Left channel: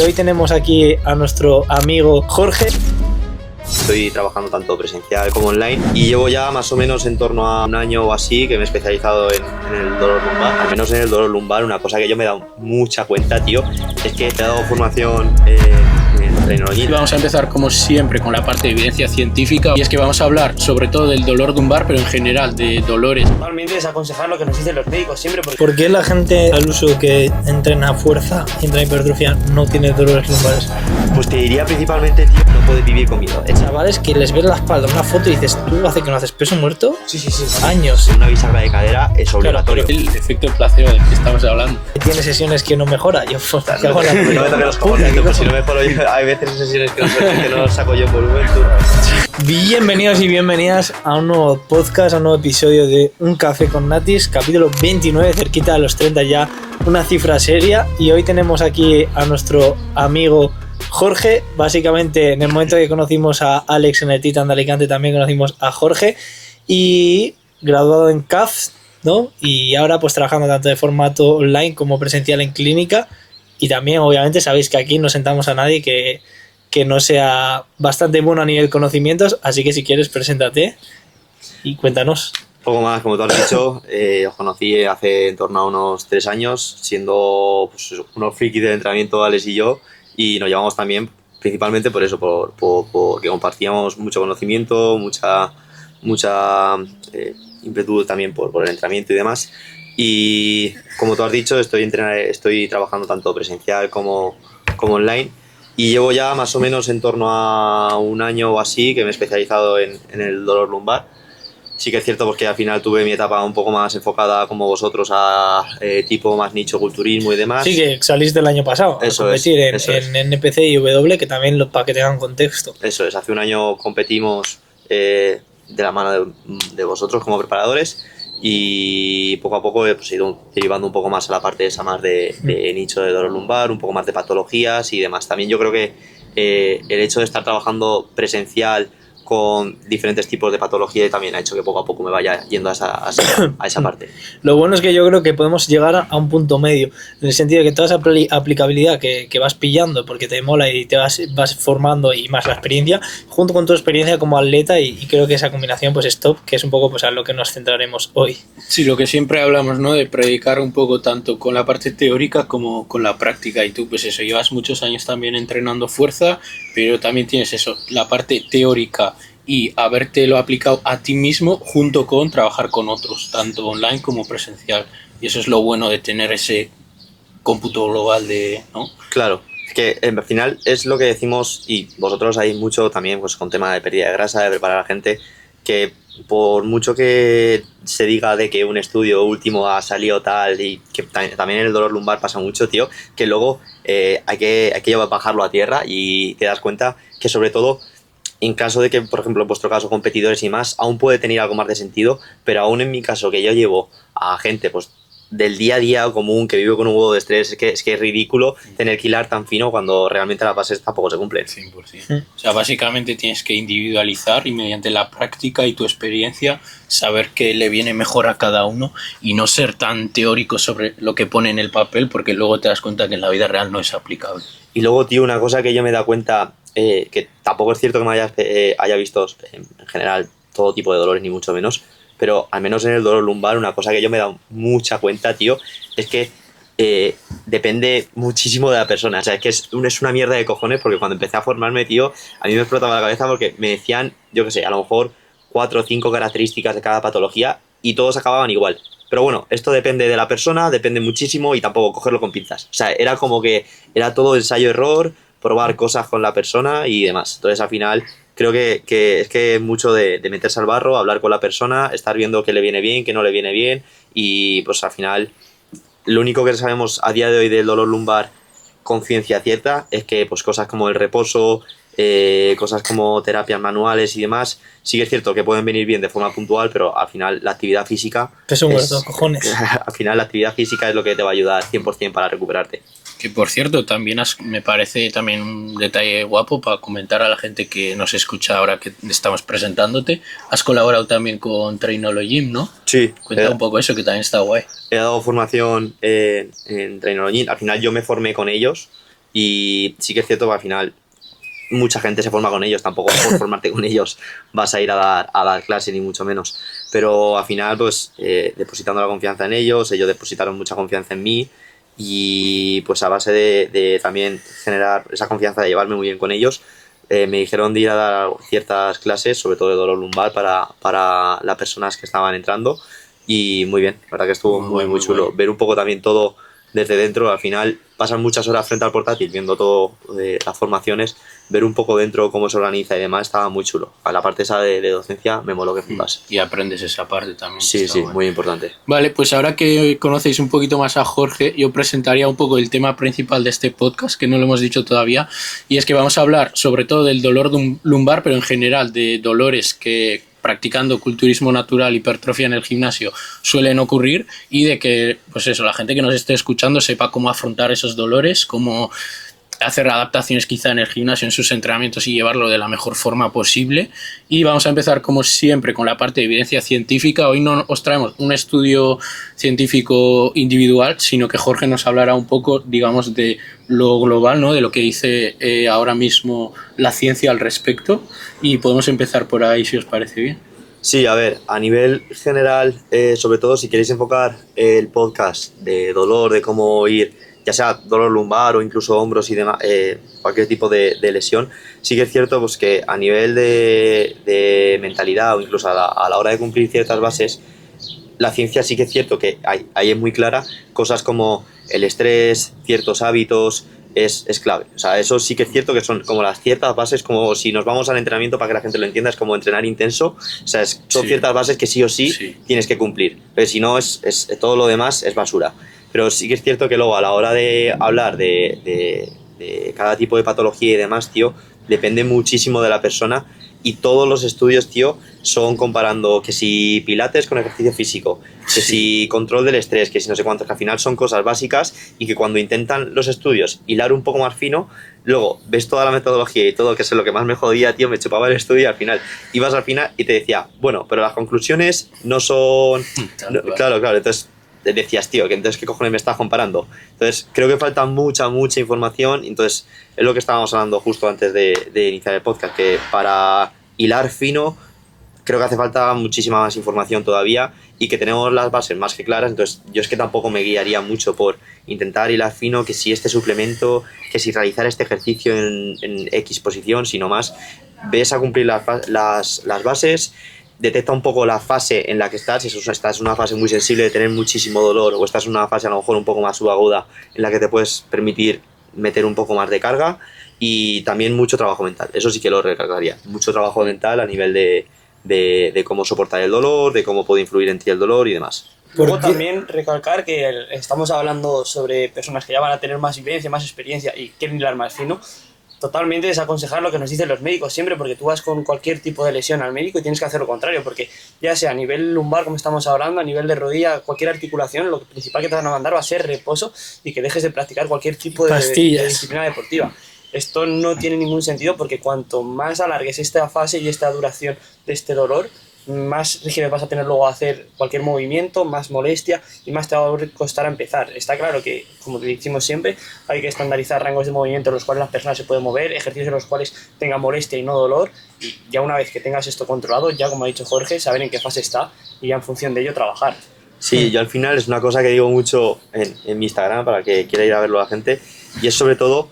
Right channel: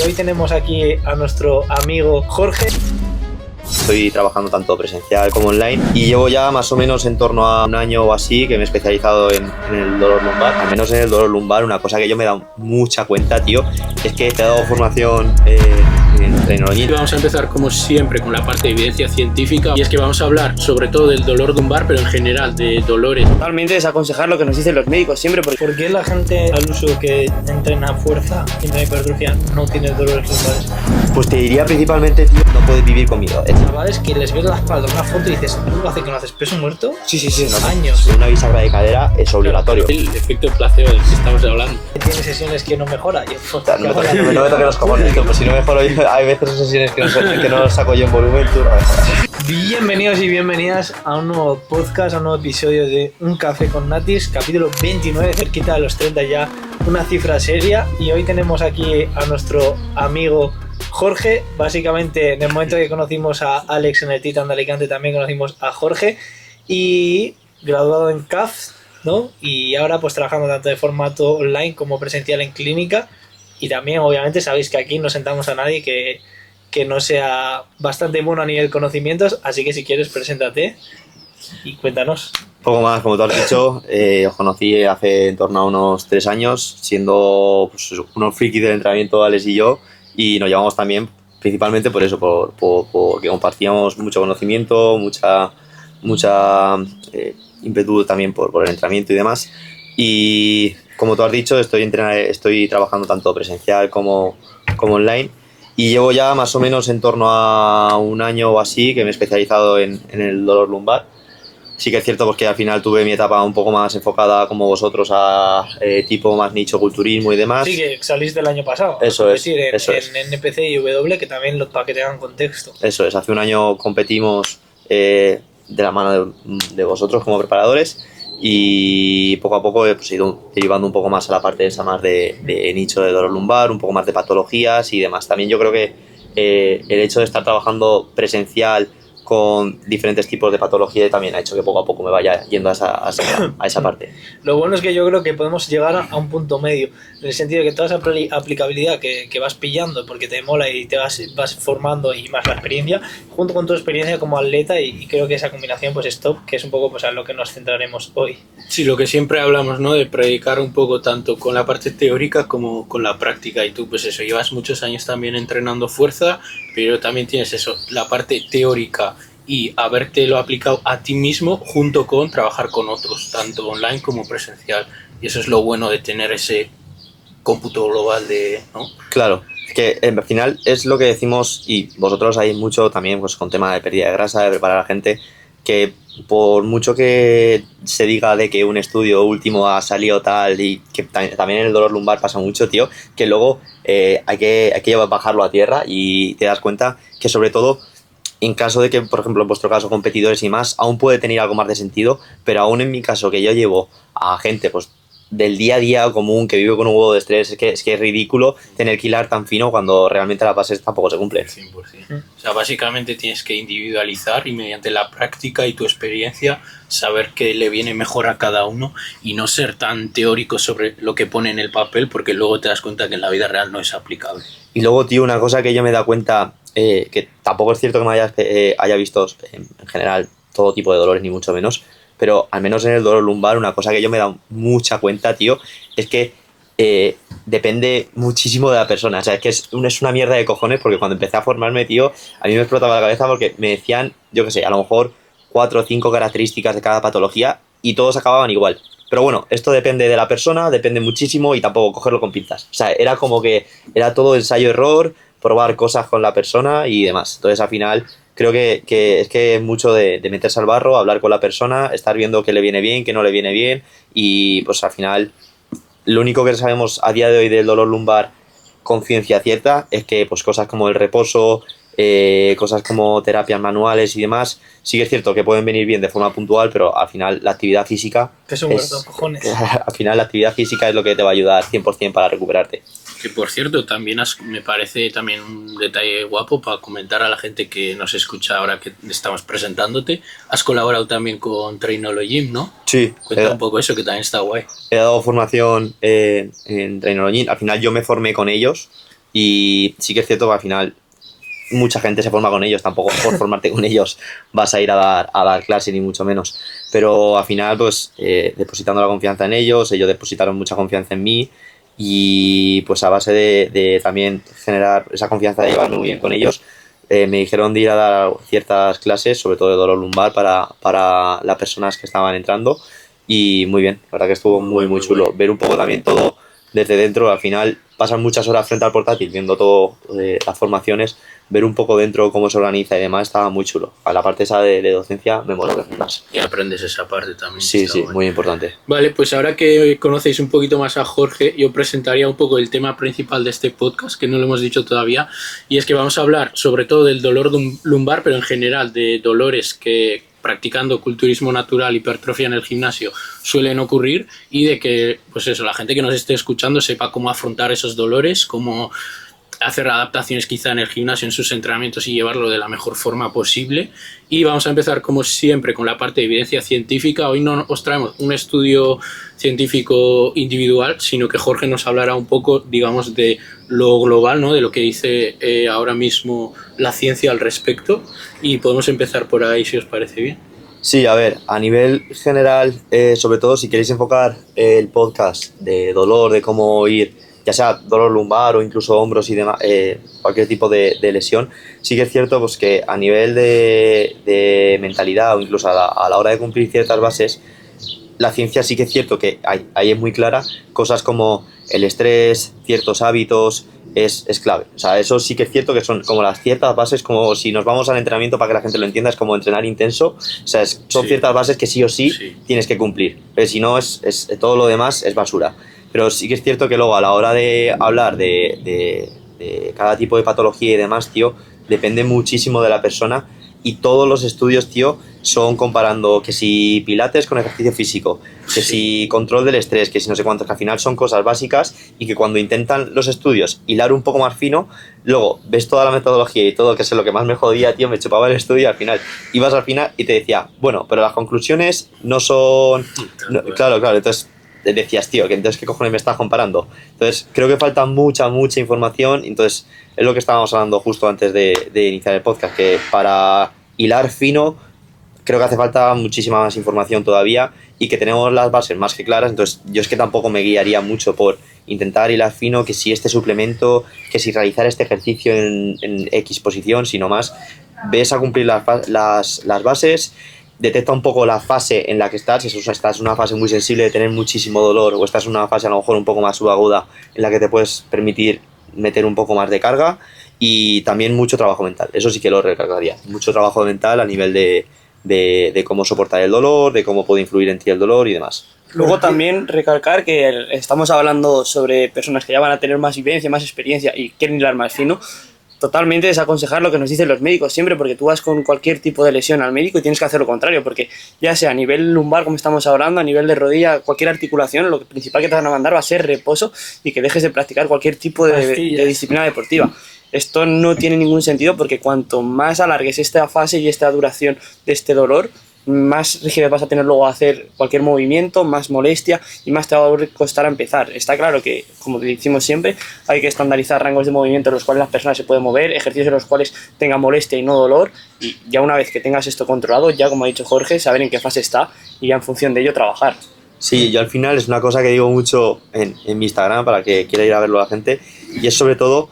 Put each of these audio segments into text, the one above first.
y hoy tenemos aquí a nuestro amigo Jorge. Estoy trabajando tanto presencial como online y llevo ya más o menos en torno a un año o así que me he especializado en el dolor lumbar. Al menos en el dolor lumbar, una cosa que yo me he dado mucha cuenta, tío, es que he dado formación en tecnología. Vamos a empezar como siempre con la parte de evidencia científica, y es que vamos a hablar sobre todo del dolor lumbar, pero en general de dolores. Totalmente desaconsejar lo que nos dicen los médicos siempre. ¿Por qué la gente al uso que entrena fuerza y entrena hipertrofia no tiene dolores lumbares? Pues te diría principalmente, tío, no puedes vivir con miedo. Chavales que les ves la espalda una foto y dices, ¿tú hace que no haces peso muerto? Sí. Años. Una bisagra de cadera es obligatorio. El efecto placebo del que estamos hablando. Tiene sesiones que no mejora. Yo, No me toques los cojones, tío, pues si no mejoro yo, hay veces sesiones que no saco yo en volumen, tú. Bienvenidos y bienvenidas a un nuevo podcast, a un nuevo episodio de Un Café con Natis, capítulo 29, cerquita de los 30 ya, una cifra seria. Y hoy tenemos aquí a nuestro amigo Jorge. Básicamente en el momento que conocimos a Alex en el Titan de Alicante también conocimos a Jorge, y graduado en CAF, ¿no? Y ahora pues trabajando tanto de formato online como presencial en clínica. Y también obviamente sabéis que aquí no sentamos a nadie que no sea bastante bueno a nivel conocimientos, así que si quieres preséntate y cuéntanos. Poco más, como tú has dicho, os conocí hace en torno a unos 3 años, siendo pues, unos frikis del entrenamiento, Alex y yo, y nos llevamos también principalmente por eso, porque compartíamos mucho conocimiento, mucha ímpetu también por el entrenamiento y demás. Y como tú has dicho, estoy trabajando tanto presencial como online, y llevo ya más o menos en torno a un año o así que me he especializado en el dolor lumbar. Sí que es cierto porque al final tuve mi etapa un poco más enfocada como vosotros a tipo más nicho, culturismo y demás. Sí, que saliste el año pasado. Eso es. En NPC y W, que también para que tengan contexto. Eso es, hace un año competimos de la mano de vosotros como preparadores, y poco a poco pues, he ido derivando un poco más a la parte esa más de nicho de dolor lumbar, un poco más de patologías y demás. También yo creo que el hecho de estar trabajando presencial con diferentes tipos de patología también ha hecho que poco a poco me vaya yendo a esa parte. Lo bueno es que yo creo que podemos llegar a un punto medio, en el sentido de que toda esa aplicabilidad que vas pillando porque te mola y te vas formando, y más la experiencia, junto con tu experiencia como atleta, y creo que esa combinación pues es top, que es un poco pues a lo que nos centraremos hoy. Sí, lo que siempre hablamos, ¿no? De predicar un poco tanto con la parte teórica como con la práctica, y tú pues eso, llevas muchos años también entrenando fuerza, pero también tienes eso, la parte teórica y habértelo aplicado a ti mismo junto con trabajar con otros, tanto online como presencial. Y eso es lo bueno de tener ese cómputo global ¿no? Claro, es que al final es lo que decimos, y vosotros hay mucho también pues con tema de pérdida de grasa, de preparar a la gente, que por mucho que se diga de que un estudio último ha salido tal, y que también en el dolor lumbar pasa mucho, tío, que luego hay que bajarlo a tierra y te das cuenta que sobre todo en caso de que, por ejemplo, en vuestro caso, competidores y más, aún puede tener algo más de sentido, pero aún en mi caso, que yo llevo a gente pues del día a día común, que vive con un huevo de estrés, es que es ridículo tener que hilar tan fino cuando realmente las bases tampoco se cumplen. 100%. O sea, básicamente tienes que individualizar y mediante la práctica y tu experiencia saber qué le viene mejor a cada uno, y no ser tan teórico sobre lo que pone en el papel, porque luego te das cuenta que en la vida real no es aplicable. Y luego, tío, una cosa que yo me he dado cuenta, que tampoco es cierto que me haya visto en general todo tipo de dolores, ni mucho menos, pero al menos en el dolor lumbar, una cosa que yo me he dado mucha cuenta, tío, es que depende muchísimo de la persona. O sea, es que es una mierda de cojones, porque cuando empecé a formarme, tío, a mí me explotaba la cabeza porque me decían, yo qué sé, a lo mejor 4 o 5 características de cada patología y todos acababan igual. Pero bueno, esto depende de la persona, depende muchísimo, y tampoco cogerlo con pinzas. O sea, era como que era todo ensayo-error, probar cosas con la persona y demás. Entonces, al final, creo que es mucho de meterse al barro, hablar con la persona, estar viendo qué le viene bien, qué no le viene bien, y pues al final, lo único que sabemos a día de hoy del dolor lumbar con ciencia cierta es que pues cosas como el reposo, cosas como terapias manuales y demás, sí que es cierto que pueden venir bien de forma puntual, pero al final la actividad física cojones. Al final la actividad física es lo que te va a ayudar 100% para recuperarte. Que por cierto, también me parece también un detalle guapo para comentar a la gente que nos escucha ahora que estamos presentándote. Has colaborado también con Trainology, ¿no? Sí. Cuenta un poco eso, que también está guay. He dado formación en Trainology. Al final yo me formé con ellos, Y sí que es cierto que al final mucha gente se forma con ellos, tampoco por formarte con ellos vas a ir a dar clase ni mucho menos, pero al final pues depositando la confianza en ellos depositaron mucha confianza en mí y pues a base de también generar esa confianza de llevarme muy bien con ellos, me dijeron de ir a dar ciertas clases, sobre todo de dolor lumbar para las personas que estaban entrando y muy bien, la verdad que estuvo muy chulo ver un poco también todo desde dentro. Al final pasan muchas horas frente al portátil viendo todo las formaciones, ver un poco dentro cómo se organiza y demás estaba muy chulo. A la parte esa de docencia me mola que más. Y aprendes esa parte también. Sí, bueno. Muy importante. Vale, pues ahora que conocéis un poquito más a Jorge, yo presentaría un poco el tema principal de este podcast, que no lo hemos dicho todavía, y es que vamos a hablar sobre todo del dolor lumbar, pero en general de dolores que practicando culturismo natural, hipertrofia en el gimnasio suelen ocurrir, y de que, pues eso, la gente que nos esté escuchando sepa cómo afrontar esos dolores, cómo hacer adaptaciones quizá en el gimnasio, en sus entrenamientos y llevarlo de la mejor forma posible. Y vamos a empezar como siempre con la parte de evidencia científica. Hoy no os traemos un estudio científico individual, sino que Jorge nos hablará un poco, digamos, de lo global, ¿no? De lo que dice ahora mismo la ciencia al respecto, y podemos empezar por ahí si os parece bien. Sí, a ver, a nivel general, sobre todo si queréis enfocar el podcast de dolor, de cómo ir, ya sea dolor lumbar o incluso hombros y demás, cualquier tipo de lesión, sí que es cierto pues, que a nivel de mentalidad o incluso a la hora de cumplir ciertas bases, la ciencia sí que es cierto que ahí es muy clara, cosas como el estrés, ciertos hábitos, es clave. O sea, eso sí que es cierto que son como las ciertas bases, como si nos vamos al entrenamiento para que la gente lo entienda, es como entrenar intenso. O sea, son ciertas bases que sí o sí tienes que cumplir. Pero si no, todo lo demás es basura. Pero sí que es cierto que luego a la hora de hablar de cada tipo de patología y demás, tío, depende muchísimo de la persona, y todos los estudios, tío, son comparando que si pilates con ejercicio físico, que si control del estrés, que si no sé cuántos, que al final son cosas básicas y que cuando intentan los estudios hilar un poco más fino, luego ves toda la metodología y todo, que es lo que más me jodía, tío, me chupaba el estudio y al final ibas al final y te decía, bueno, pero las conclusiones no son... No, claro, entonces decías, tío, que entonces qué cojones me estás comparando. Entonces creo que falta mucha información, entonces es lo que estábamos hablando justo antes de iniciar el podcast, que para hilar fino creo que hace falta muchísima más información todavía y que tenemos las bases más que claras. Entonces yo es que tampoco me guiaría mucho por intentar hilar fino, que si este suplemento, que si realizar este ejercicio en X posición, sino más ves a cumplir las bases, detecta un poco la fase en la que estás, si estás en una fase muy sensible de tener muchísimo dolor, o estás en una fase a lo mejor un poco más subaguda en la que te puedes permitir meter un poco más de carga, y también mucho trabajo mental. Eso sí que lo recalcaría, mucho trabajo mental a nivel de cómo soportar el dolor, de cómo puede influir en ti el dolor y demás. Luego también recalcar que estamos hablando sobre personas que ya van a tener más vivencia, más experiencia y quieren hilar más fino. Totalmente desaconsejar lo que nos dicen los médicos siempre, porque tú vas con cualquier tipo de lesión al médico y tienes que hacer lo contrario, porque ya sea a nivel lumbar, como estamos hablando, a nivel de rodilla, cualquier articulación, lo principal que te van a mandar va a ser reposo y que dejes de practicar cualquier tipo de disciplina deportiva. Esto no tiene ningún sentido, porque cuanto más alargues esta fase y esta duración de este dolor, más rigidez vas a tener luego a hacer cualquier movimiento, más molestia y más te va a costar a empezar. Está claro que, como decimos siempre, hay que estandarizar rangos de movimiento en los cuales las personas se pueden mover, ejercicios en los cuales tengan molestia y no dolor, y ya una vez que tengas esto controlado, ya como ha dicho Jorge, saber en qué fase está y ya en función de ello trabajar. Sí, yo al final es una cosa que digo mucho en mi Instagram para que quiera ir a verlo la gente, y es sobre todo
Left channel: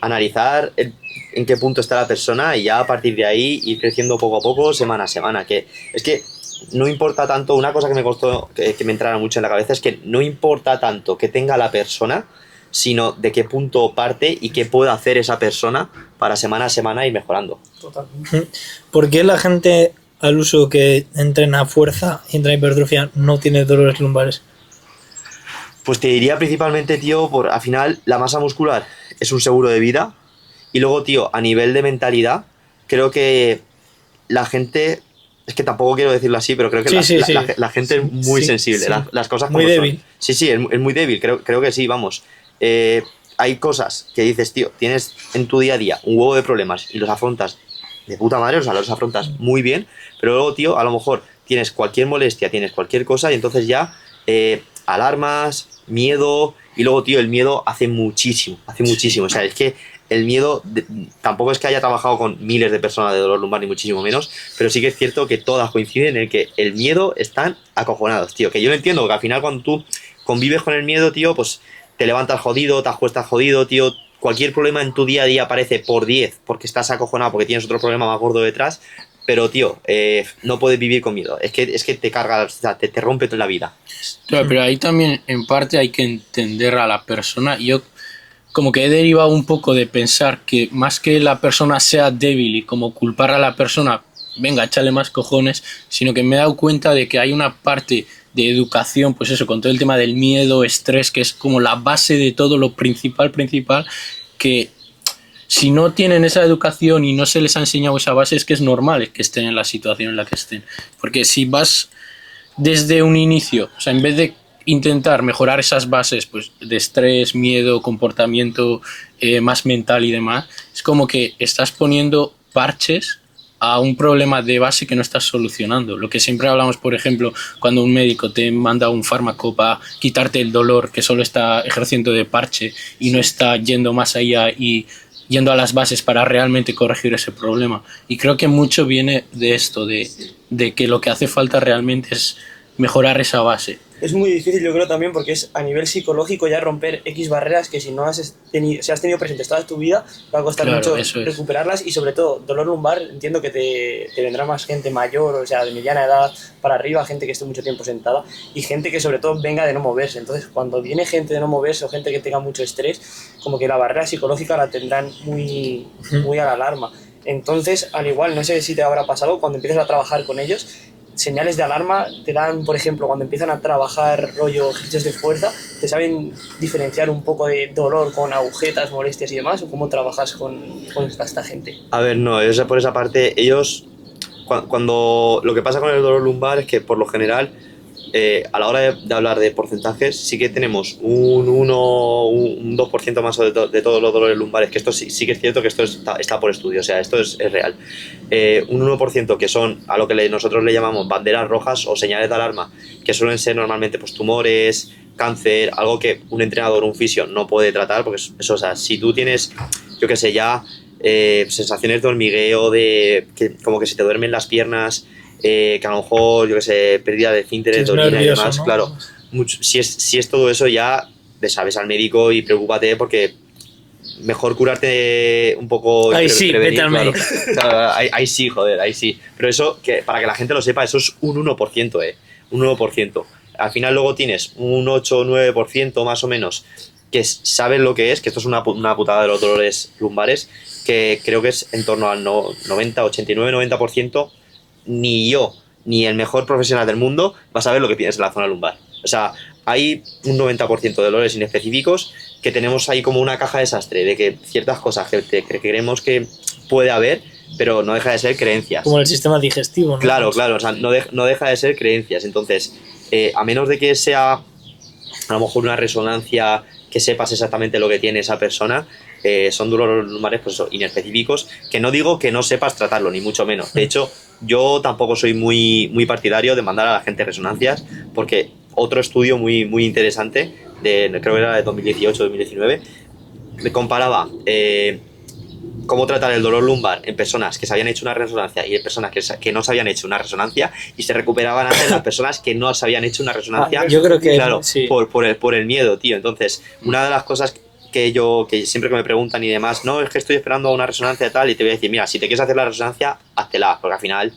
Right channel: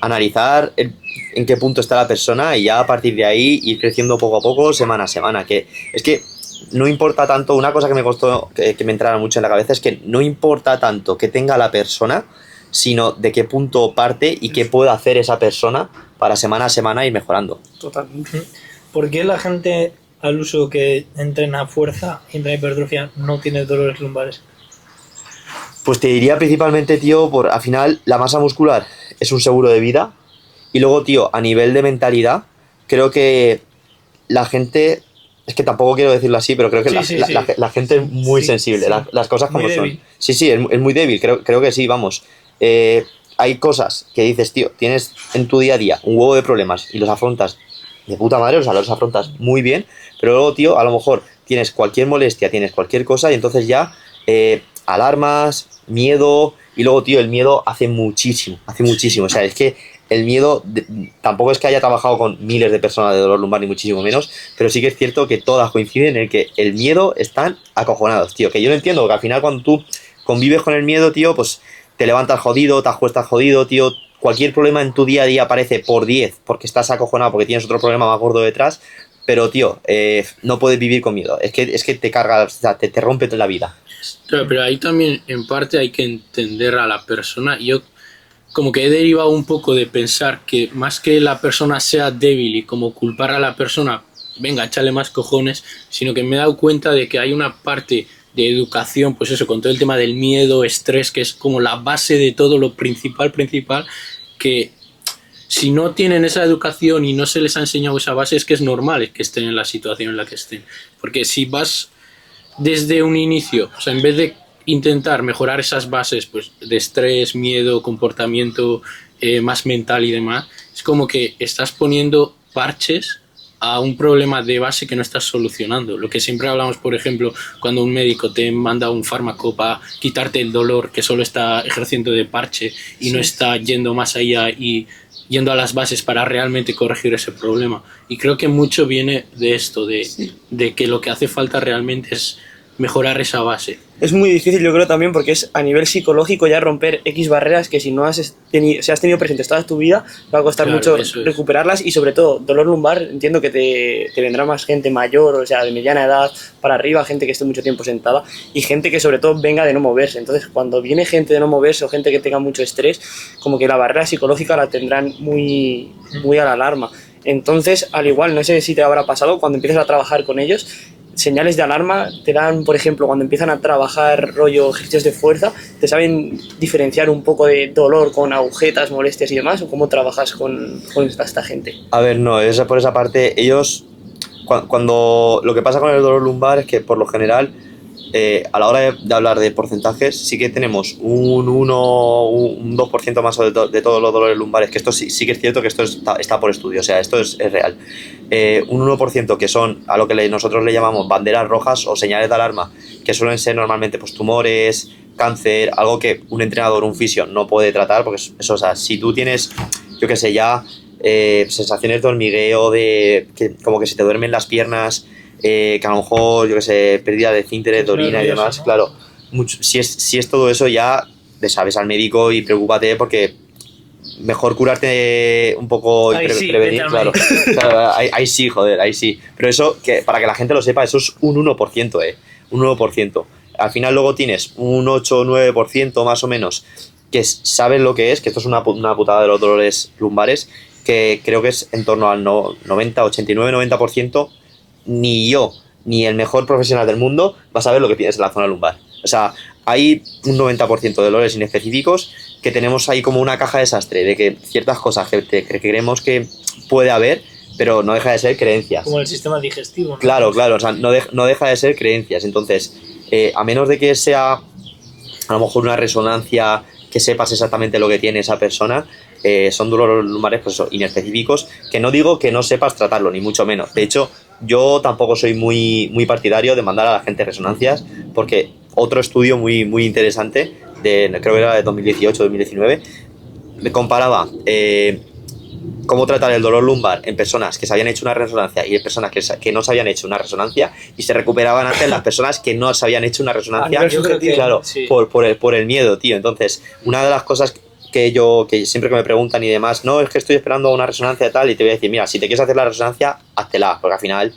analizar en qué punto está la persona y ya a partir de ahí ir creciendo poco a poco, semana a semana. Que es que no importa tanto, una cosa que me costó que me entrara mucho en la cabeza es que no importa tanto que tenga la persona, sino de qué punto parte y qué puede hacer esa persona para semana a semana ir mejorando. Totalmente. ¿Por qué la gente al uso que entrena fuerza y entrena hipertrofia no tiene dolores lumbares? Pues te diría principalmente, tío, al final la masa muscular es un seguro de vida. Y luego, tío, a nivel de mentalidad, creo que la gente, es que tampoco quiero decirlo así, pero creo que la gente es muy sensible, las cosas como muy son. Débil. Sí, es muy débil, creo que sí, vamos. Hay cosas que dices, tío, tienes en tu día a día un huevo de problemas y los afrontas de puta madre, o sea, los afrontas muy bien, pero luego, tío, a lo mejor tienes cualquier molestia, tienes cualquier cosa y entonces ya alarmas, miedo Y luego, tío, el miedo hace muchísimo. O sea, es que el miedo, tampoco es que haya trabajado con miles de personas de dolor lumbar, ni muchísimo menos, pero sí que es cierto que todas coinciden en el que el miedo están acojonados, tío. Que yo no entiendo, que al final cuando tú convives con el miedo, tío, pues te levantas jodido, te acuestas jodido, tío. Cualquier problema en tu día a día aparece por 10 porque estás acojonado, porque tienes otro problema más gordo detrás. Pero, tío, no puedes vivir con miedo. Es que te carga, o sea, te rompe toda la vida. Claro, pero ahí también, en parte, hay que entender a la persona. Yo como que he derivado un poco de pensar que más que la persona sea débil y como culpar a la persona, venga, échale más cojones, sino que me he dado cuenta de que hay una parte de educación, pues eso, con todo el tema del miedo, estrés, que es como la base de todo, lo principal, que si no tienen esa educación y no se les ha enseñado esa base, es que es normal que estén en la situación en la que estén. Porque si vas desde un inicio, o sea, en vez de intentar mejorar esas bases pues, de estrés, miedo, comportamiento más mental y demás, es como que estás poniendo parches a un problema de base que no estás solucionando. Lo que siempre hablamos, por ejemplo, cuando un médico te manda un fármaco para quitarte el dolor, que solo está ejerciendo de parche y no está yendo más allá y yendo a las bases para realmente corregir ese problema. Y creo que mucho viene de esto, de que lo que hace falta realmente es mejorar esa base. Es muy difícil, yo creo, también porque es a nivel psicológico ya romper X barreras que si no has tenido presentes toda tu vida va a costar mucho recuperarlas. Y sobre todo, dolor lumbar, entiendo que te vendrá más gente mayor, o sea, de mediana edad para arriba, gente que esté mucho tiempo sentada y gente que sobre todo venga de no moverse. Entonces, cuando viene gente de no moverse o gente que tenga mucho estrés, como que la barrera psicológica la tendrán muy a la alarma. Entonces, al igual, no sé si te habrá pasado, cuando empiezas a trabajar con ellos, señales de alarma te dan, por ejemplo, cuando empiezan a trabajar rollo ejercicios de fuerza, ¿te saben diferenciar un poco de dolor con agujetas, molestias y demás? ¿O cómo trabajas con esta gente? A ver, no, por esa parte, ellos, cuando lo que pasa con el dolor lumbar es que por lo general, a la hora de hablar de porcentajes, sí que tenemos un 2% más de todos los dolores lumbares, que esto sí que es cierto que esto está por estudio, o sea, esto es real. Un 1% que son a lo que nosotros le llamamos banderas rojas o señales de alarma, que suelen ser normalmente pues tumores, cáncer, algo que un entrenador, un fisio no puede tratar, porque eso, o sea, si tú tienes, yo qué sé, ya sensaciones de hormigueo, como que se te duermen las piernas, que a lo mejor, yo que sé, pérdida de esfínteres, de orina y demás, ¿no? Claro, si es todo eso ya le sabes al médico y preocúpate porque mejor curarte un poco y prevenir, claro, ahí sí, joder, ahí sí. Pero eso, que para que la gente lo sepa, eso es un 1%, un 1%. Al final luego tienes un 8 o 9% más o menos que sabes lo que es, que esto es una putada de los dolores lumbares, que creo que es en torno al 90, 89, 90%. Ni yo, ni el mejor profesional del mundo va a saber lo que tienes en la zona lumbar. O sea, hay un 90% de dolores inespecíficos que tenemos ahí como una caja de desastre, de que ciertas cosas que creemos que puede haber, pero no deja de ser creencias. Como el sistema digestivo, ¿no? Claro, o sea, no deja de ser creencias. Entonces, a menos de que sea a lo mejor una resonancia que sepas exactamente lo que tiene esa persona, son dolores lumbares pues eso, inespecíficos, que no digo que no sepas tratarlo, ni mucho menos. De hecho, yo tampoco soy muy partidario de mandar a la gente resonancias, porque otro estudio muy interesante, creo que era de 2018-2019, me comparaba cómo tratar el dolor lumbar en personas que se habían hecho una resonancia y en personas que no se habían hecho una resonancia, y se recuperaban antes las personas que no se habían hecho una resonancia. Yo creo que claro, sí. por el miedo, tío. Entonces, una de las cosas que siempre que me preguntan y demás, no, es que estoy esperando una resonancia de tal, y te voy a decir, mira, si te quieres hacer la resonancia, háztela, porque al final,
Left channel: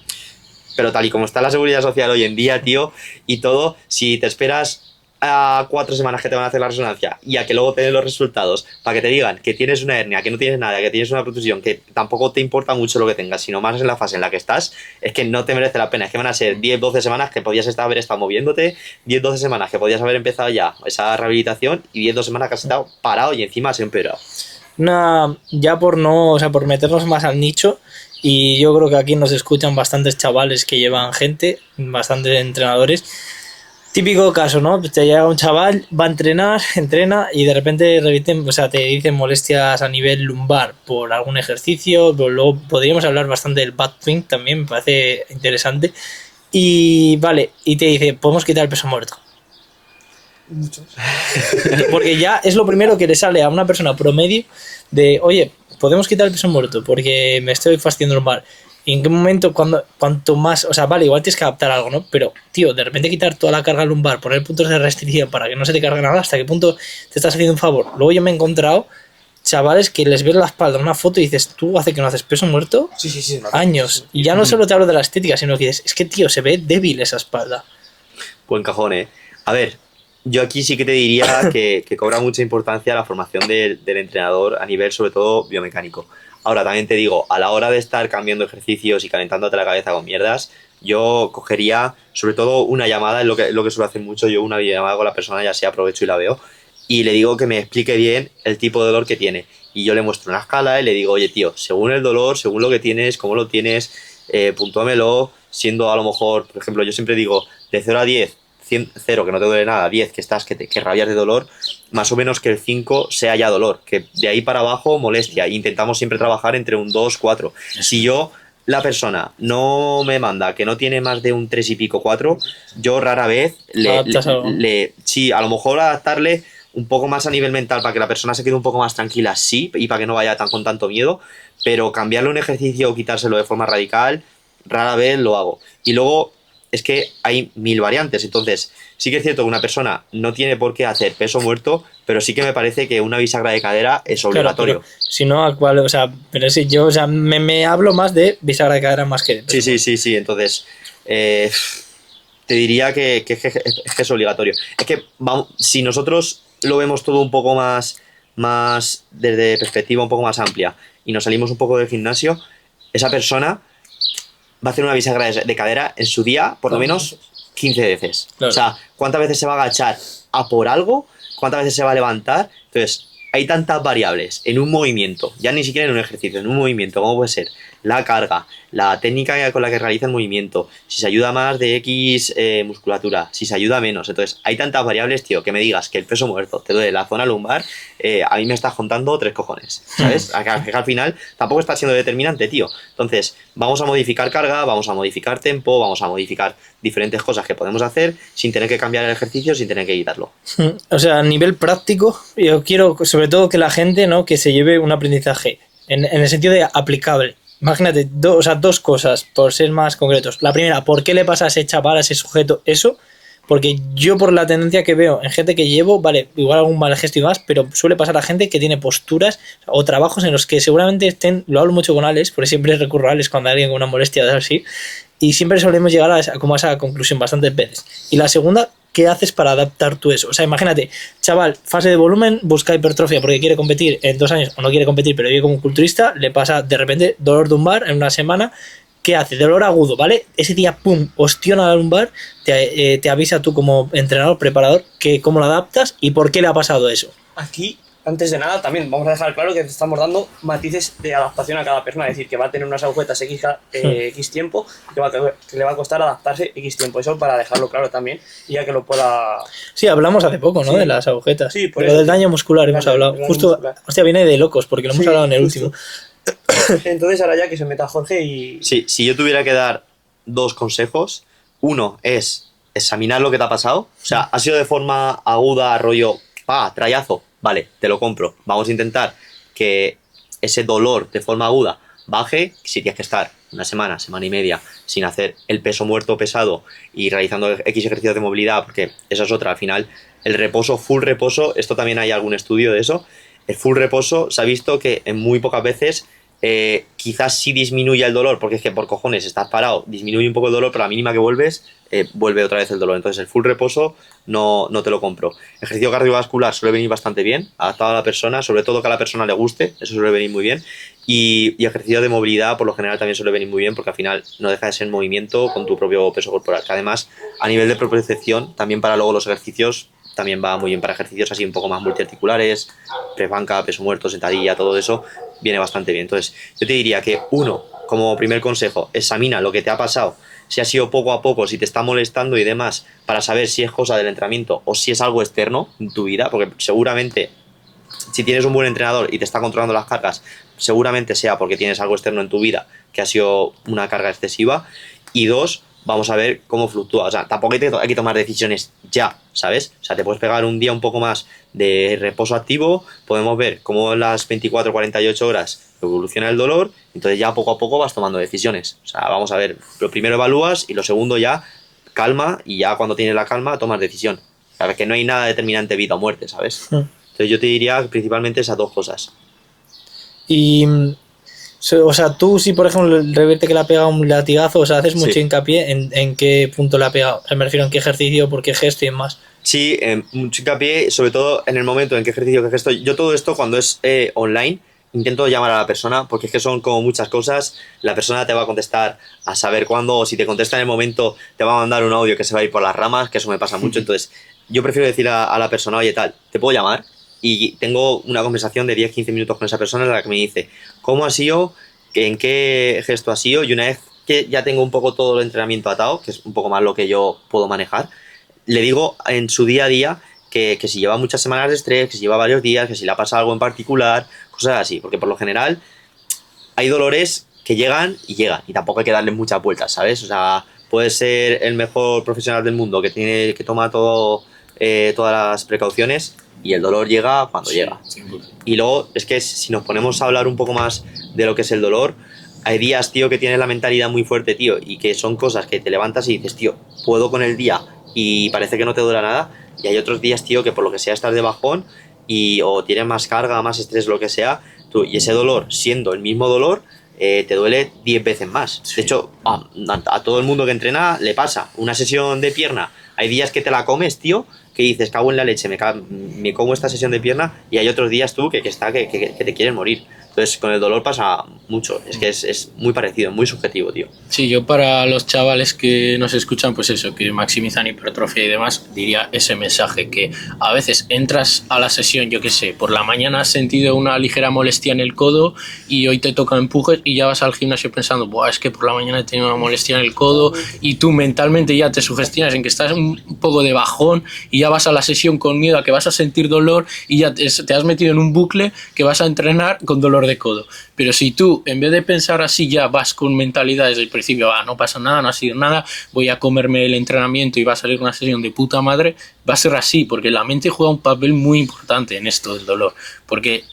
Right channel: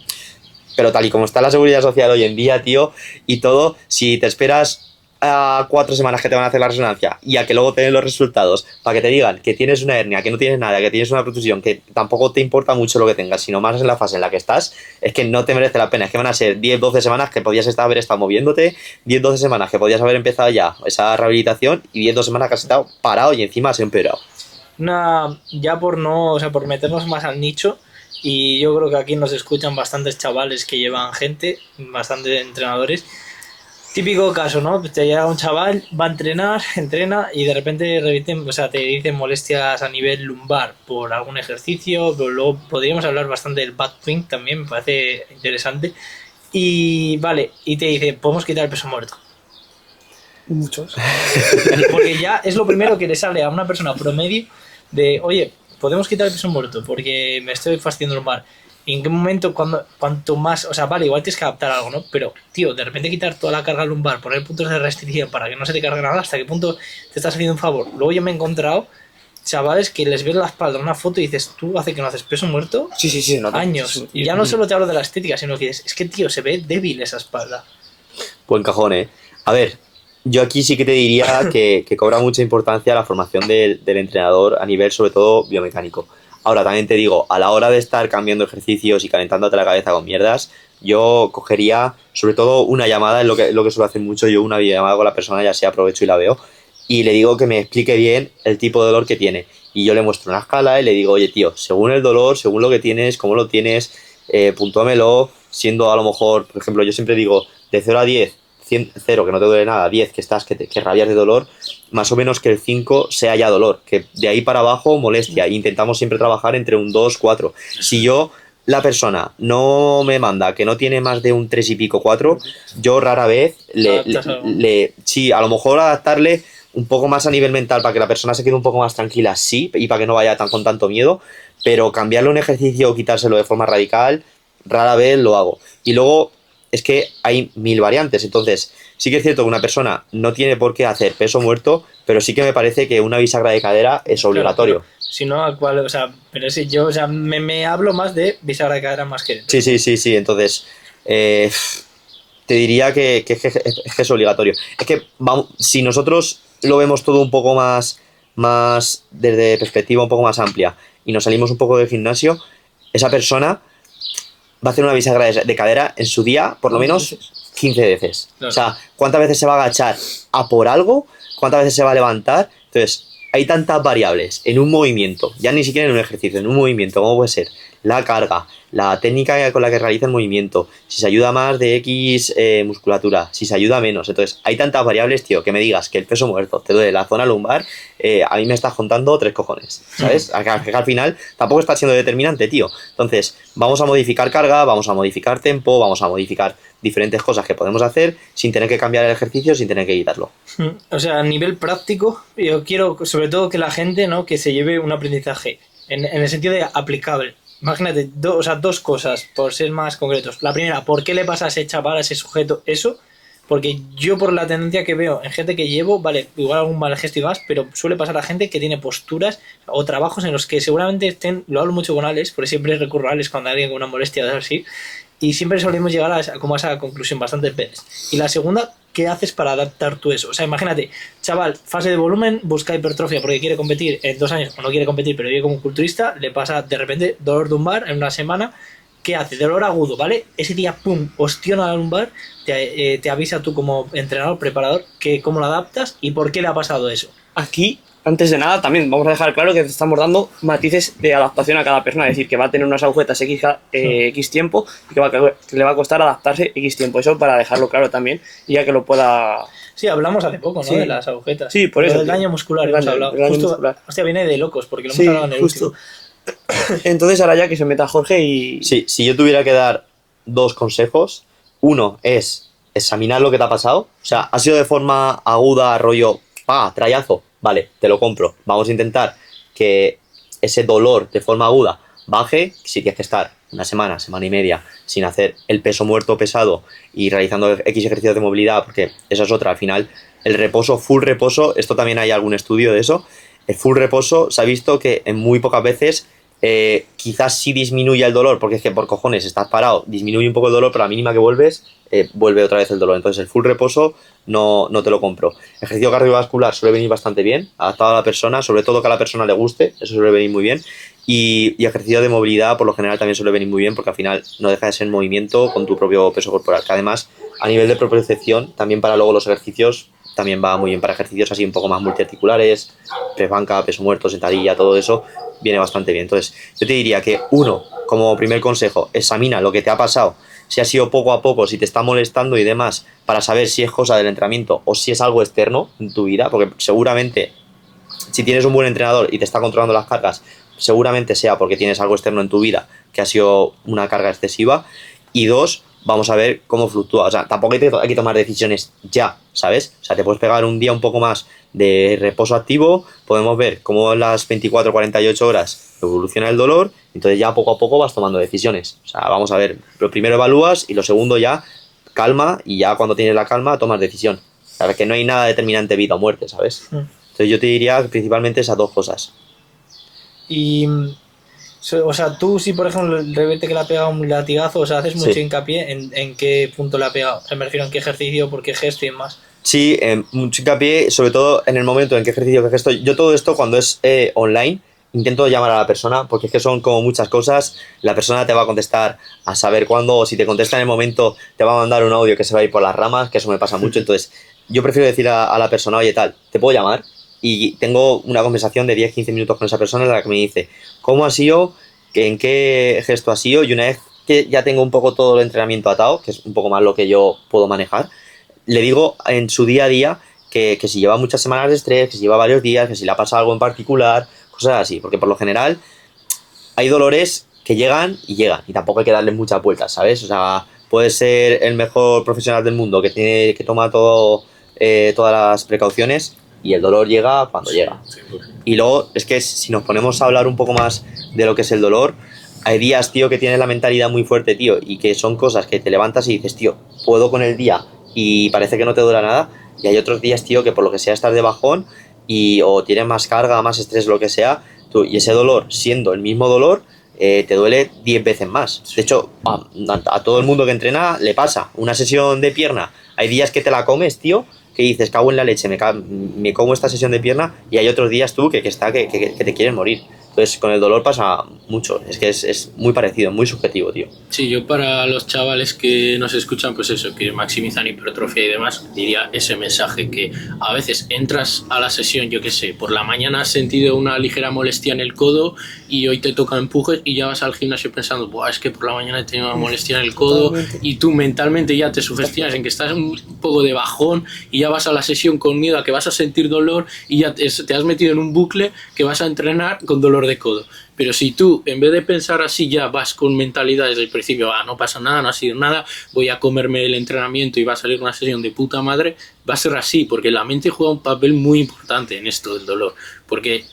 pero tal y como está la seguridad social hoy en día, tío, y todo, si te esperas a 4 semanas que te van a hacer la resonancia y a que luego te den los resultados para que te digan que tienes una hernia, que no tienes nada, que tienes una protusión, que tampoco te importa mucho lo que tengas, sino más en la fase en la que estás, es que no te merece la pena. Es que van a ser 10-12 semanas que podías haber estado moviéndote, 10-12 semanas que podías haber empezado ya esa rehabilitación, y 10-12 semanas que has estado parado y encima has empeorado. Ya por meternos más al nicho, y yo creo que aquí nos escuchan bastantes chavales que llevan gente, bastantes entrenadores. Típico caso, ¿no? Te llega un chaval, va a entrena y de repente te dicen molestias a nivel lumbar por algún ejercicio, pero luego podríamos hablar bastante del back swing también, me parece interesante. Y vale, y te dice, podemos quitar el peso muerto. Muchos. Porque ya es lo primero que le sale a una persona promedio de, oye, podemos quitar el peso muerto porque me estoy fastidiando lumbar. ¿Y en qué momento, cuanto más, o sea, vale, igual tienes que adaptar algo, ¿no? Pero, tío, de repente quitar toda la carga lumbar, poner puntos de restricción para que no se te cargue nada, ¿hasta qué punto te estás haciendo un favor? Luego yo me he encontrado chavales que les ves la espalda en una foto y dices, tú hace que no haces peso muerto Sí. No, años. Y ya no solo te hablo de la estética, sino que dices, es que, tío, se ve débil esa espalda. Buen cajón, ¿eh? A ver, yo aquí sí que te diría que cobra mucha importancia la formación del entrenador a nivel, sobre todo, biomecánico. Ahora, también te digo, a la hora de estar cambiando ejercicios y calentándote la cabeza con mierdas, yo cogería, sobre todo, una llamada, es lo que suelo hacer mucho, yo una videollamada con la persona, ya sea aprovecho y la veo, y le digo que me explique bien el tipo de dolor que tiene. Y yo le muestro una escala y le digo, oye, tío, según el dolor, según lo que tienes, cómo lo tienes, puntúamelo, siendo a lo mejor, por ejemplo, yo siempre digo, de 0 a 10, 0 que no te duele nada, 10 que estás, que rabias de dolor, más o menos que el 5 sea ya dolor, que de ahí para abajo molestia. Intentamos siempre trabajar entre un 2, 4. Si yo, la persona, no me manda que no tiene más de un 3 y pico, 4, yo rara vez sí, a lo mejor adaptarle un poco más a nivel mental para que la persona se quede un poco más tranquila, sí, y para que no vaya con tanto miedo, pero cambiarle un ejercicio o quitárselo de forma radical, rara vez lo hago. Y luego es que hay 1000 variantes, entonces sí que es cierto que una persona no tiene por qué hacer peso muerto, pero sí que me parece que una bisagra de cadera es obligatorio. Claro, si no, o sea, pero si yo, o sea, me hablo más de bisagra de cadera más que de peso. Sí, entonces te diría que es obligatorio. Es que vamos, si nosotros lo vemos todo un poco más desde perspectiva un poco más amplia y nos salimos un poco del gimnasio, esa persona va a hacer una bisagra de cadera en su día por lo menos 15 veces. Claro. O sea, ¿cuántas veces se va a agachar a por algo? ¿Cuántas veces se va a levantar? Entonces, hay tantas variables en un movimiento, ya ni siquiera en un ejercicio, en un movimiento, como puede ser la carga, la técnica con la que realiza el movimiento, si se ayuda más de X musculatura, si se ayuda menos. Entonces, hay tantas variables, tío, que me digas que el peso muerto te duele la zona lumbar, a mí me estás contando 3 cojones, ¿sabes? Al final tampoco está siendo determinante, tío. Entonces, vamos a modificar carga, vamos a modificar tempo, vamos a modificar diferentes cosas que podemos hacer sin tener que cambiar el ejercicio, sin tener que quitarlo. O sea, a nivel práctico, yo quiero sobre todo que la gente, ¿no?, que se lleve un aprendizaje en el sentido de aplicable. Imagínate, dos cosas, por ser más concretos. La primera, ¿por qué le pasa a ese chaval, a ese sujeto eso? Porque yo, por la tendencia que veo en gente que llevo, vale, igual algún mal gesto y más, pero suele pasar a gente que tiene posturas o trabajos en los que seguramente estén, lo hablo mucho con Alex, porque siempre recurro a Alex cuando hay alguien con una molestia de así, y siempre solemos llegar a esa conclusión bastantes veces. Y la segunda, ¿qué haces para adaptar tú eso? O sea, imagínate, chaval, fase de volumen, busca hipertrofia porque quiere competir en 2 años, o no quiere competir, pero vive como un culturista, le pasa de repente dolor lumbar en una semana. ¿Qué hace? Dolor agudo, ¿vale? Ese día, pum, ostiona la lumbar, te avisa tú como entrenador, preparador, que cómo lo adaptas y por qué le ha pasado eso. Aquí, antes de nada, también vamos a dejar claro que te estamos dando matices de adaptación a cada persona, es decir, que va a tener unas agujetas X tiempo y que le va a costar adaptarse X tiempo. Eso para dejarlo claro también y ya que lo pueda... Sí, hablamos hace poco, ¿no? Sí. De las agujetas. Sí, por pero eso. Del daño muscular hemos hablado. Justo, muscular. Hostia, viene de locos porque lo hemos hablado en el último. Entonces ahora ya que se meta Jorge y... Sí, si yo tuviera que dar 2 consejos, uno es examinar lo que te ha pasado. O sea, ha sido de forma aguda, rollo, trayazo, vale, te lo compro. Vamos a intentar que ese dolor de forma aguda baje. Si tienes que estar una semana, semana y media sin hacer el peso muerto pesado y realizando X ejercicios de movilidad, porque esa es otra, al final, el reposo, full reposo, esto también hay algún estudio de eso. El full reposo se ha visto que en muy pocas veces quizás sí disminuye el dolor, porque es que por cojones estás parado, disminuye un poco el dolor, pero a la mínima que vuelves, vuelve otra vez el dolor. Entonces el full reposo no te lo compro. Ejercicio cardiovascular suele venir bastante bien, adaptado a la persona, sobre todo que a la persona le guste, eso suele venir muy bien. Y ejercicio de movilidad por lo general también suele venir muy bien, porque al final no deja de ser movimiento con tu propio peso corporal, que además a nivel de propiocepción, también para luego los ejercicios, también va muy bien para ejercicios así un poco más multiarticulares, press banca, peso muerto, sentadilla, todo eso viene bastante bien. Entonces yo te diría que uno, como primer consejo, examina lo que te ha pasado, si ha sido poco a poco, si te está molestando y demás, para saber si es cosa del entrenamiento o si es algo externo en tu vida, porque seguramente si tienes un buen entrenador y te está controlando las cargas, seguramente sea porque tienes algo externo en tu vida que ha sido una carga excesiva. Y 2, vamos a ver cómo fluctúa. O sea, tampoco hay que tomar decisiones ya, ¿sabes? O sea, te puedes pegar un día un poco más de reposo activo, podemos ver cómo en las 24 48 horas evoluciona el dolor, entonces ya poco a poco vas tomando decisiones. O sea, vamos a ver, lo primero evalúas y lo segundo ya calma, y ya cuando tienes la calma tomas decisión. O sea, que no hay nada determinante vida o muerte, ¿sabes? Entonces yo te diría principalmente esas dos cosas. Y, o sea, tú si por ejemplo el reverte que le ha pegado un latigazo, o sea, haces mucho hincapié en qué punto le ha pegado. O sea, me refiero en qué ejercicio, por qué gesto y demás. Sí, mucho hincapié, sobre todo en el momento en qué ejercicio, qué gesto. Yo todo esto cuando es online intento llamar a la persona, porque es que son como muchas cosas. La persona te va a contestar a saber cuándo, o si te contesta en el momento te va a mandar un audio que se va a ir por las ramas, que eso me pasa mucho. Entonces yo prefiero decir a la persona, oye tal, ¿te puedo llamar? Y tengo una conversación de 10-15 minutos con esa persona en la que me dice cómo ha sido, en qué gesto ha sido, y una vez que ya tengo un poco todo el entrenamiento atado, que es un poco más lo que yo puedo manejar, le digo en su día a día que si lleva muchas semanas de estrés, que si lleva varios días, que si le ha pasado algo en particular, cosas así, porque por lo general hay dolores que llegan, y tampoco hay que darle muchas vueltas, ¿sabes? O sea, puedes ser el mejor profesional del mundo que toma todas las precauciones, y el dolor llega cuando llega. Sí, pues. Y luego es que si nos ponemos a hablar un poco más de lo que es el dolor, hay días, tío, que tienes la mentalidad muy fuerte, tío, y que son cosas que te levantas y dices, tío, puedo con el día y parece que no te dura nada. Y hay otros días, tío, que por lo que sea estás de bajón o tienes más carga, más estrés, lo que sea, y ese dolor, siendo el mismo dolor, te duele 10 veces más. De hecho, a todo el mundo que entrena le pasa. Una sesión de pierna, hay días que te la comes, tío, que dices, cago en la leche, me como esta sesión de pierna, y hay otros días tú que te quieres morir. Entonces, con el dolor pasa mucho. Es que es muy parecido, muy subjetivo, tío. Sí, yo para los chavales que nos escuchan, pues eso, que maximizan hipertrofia y demás, diría ese mensaje, que a veces entras a la sesión, yo qué sé, por la mañana has sentido una ligera molestia en el codo y hoy te toca empujes y ya vas al gimnasio pensando, buah, es que por la mañana he tenido una molestia en el codo, y tú mentalmente ya te sugestionas en que estás un poco de bajón y ya vas a la sesión con miedo a que vas a sentir dolor, y ya te has metido en un bucle que vas a entrenar con dolor de codo. Pero si tú, en vez de pensar así, ya vas con mentalidad desde el principio, no pasa nada, no ha sido nada, voy a comerme el entrenamiento y va a salir una sesión de puta madre, va a ser así, porque la mente juega un papel muy importante en esto del dolor, porque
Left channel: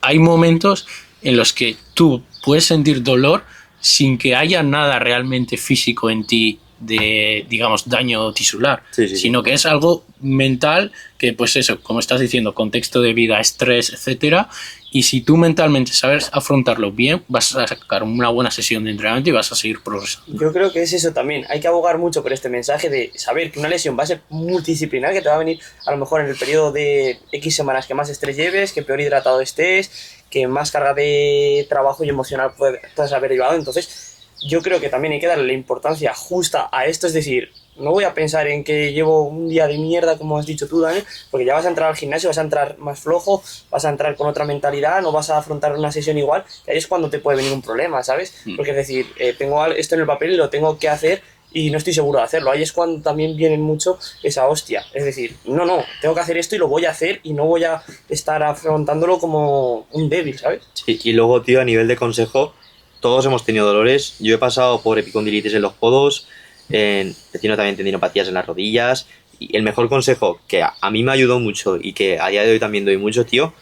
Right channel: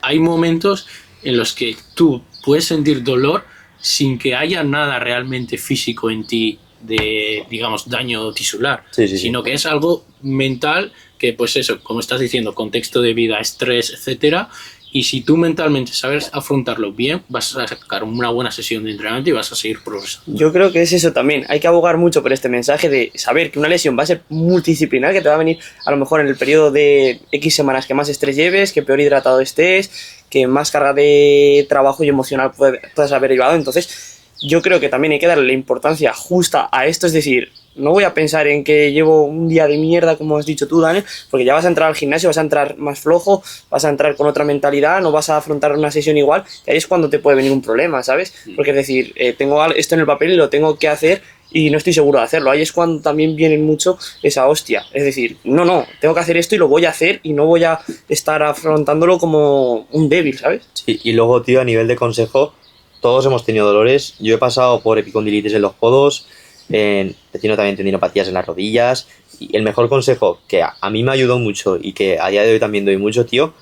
hay momentos en los que tú puedes sentir dolor sin que haya nada realmente físico en ti de, digamos, daño tisular, sino que es algo mental que, pues eso, como estás diciendo, contexto de vida, estrés, etcétera. Y si tú mentalmente sabes afrontarlo bien, vas a sacar una buena sesión de entrenamiento y vas a seguir progresando. Yo creo que es eso también. Hay que abogar mucho por este mensaje de saber que una lesión va a ser multidisciplinar, que te va a venir a lo mejor en el periodo de X semanas que más estrés lleves, que peor hidratado estés, que más carga de trabajo y emocional puedas haber llevado. Entonces, yo creo que también hay que darle la importancia justa a esto, es decir, no voy a pensar en que llevo un día de mierda, como has dicho tú, Daniel, porque ya vas a entrar al gimnasio, vas a entrar más flojo, vas a entrar con otra mentalidad, no vas a afrontar una sesión igual, y ahí es cuando te puede venir un problema, ¿sabes? Porque es decir, tengo esto en el papel y lo tengo que hacer y no estoy seguro de hacerlo. Ahí es cuando también viene mucho esa hostia. Es decir, no, tengo que hacer esto y lo voy a hacer y no voy a estar afrontándolo como un débil, ¿sabes? Sí, y luego, tío, a nivel de consejo, todos hemos tenido dolores. Yo he pasado por epicondilitis en los codos, he tenido también tendinopatías en las rodillas, y el mejor consejo que a mí me ayudó mucho y que a día de hoy también doy mucho, tío,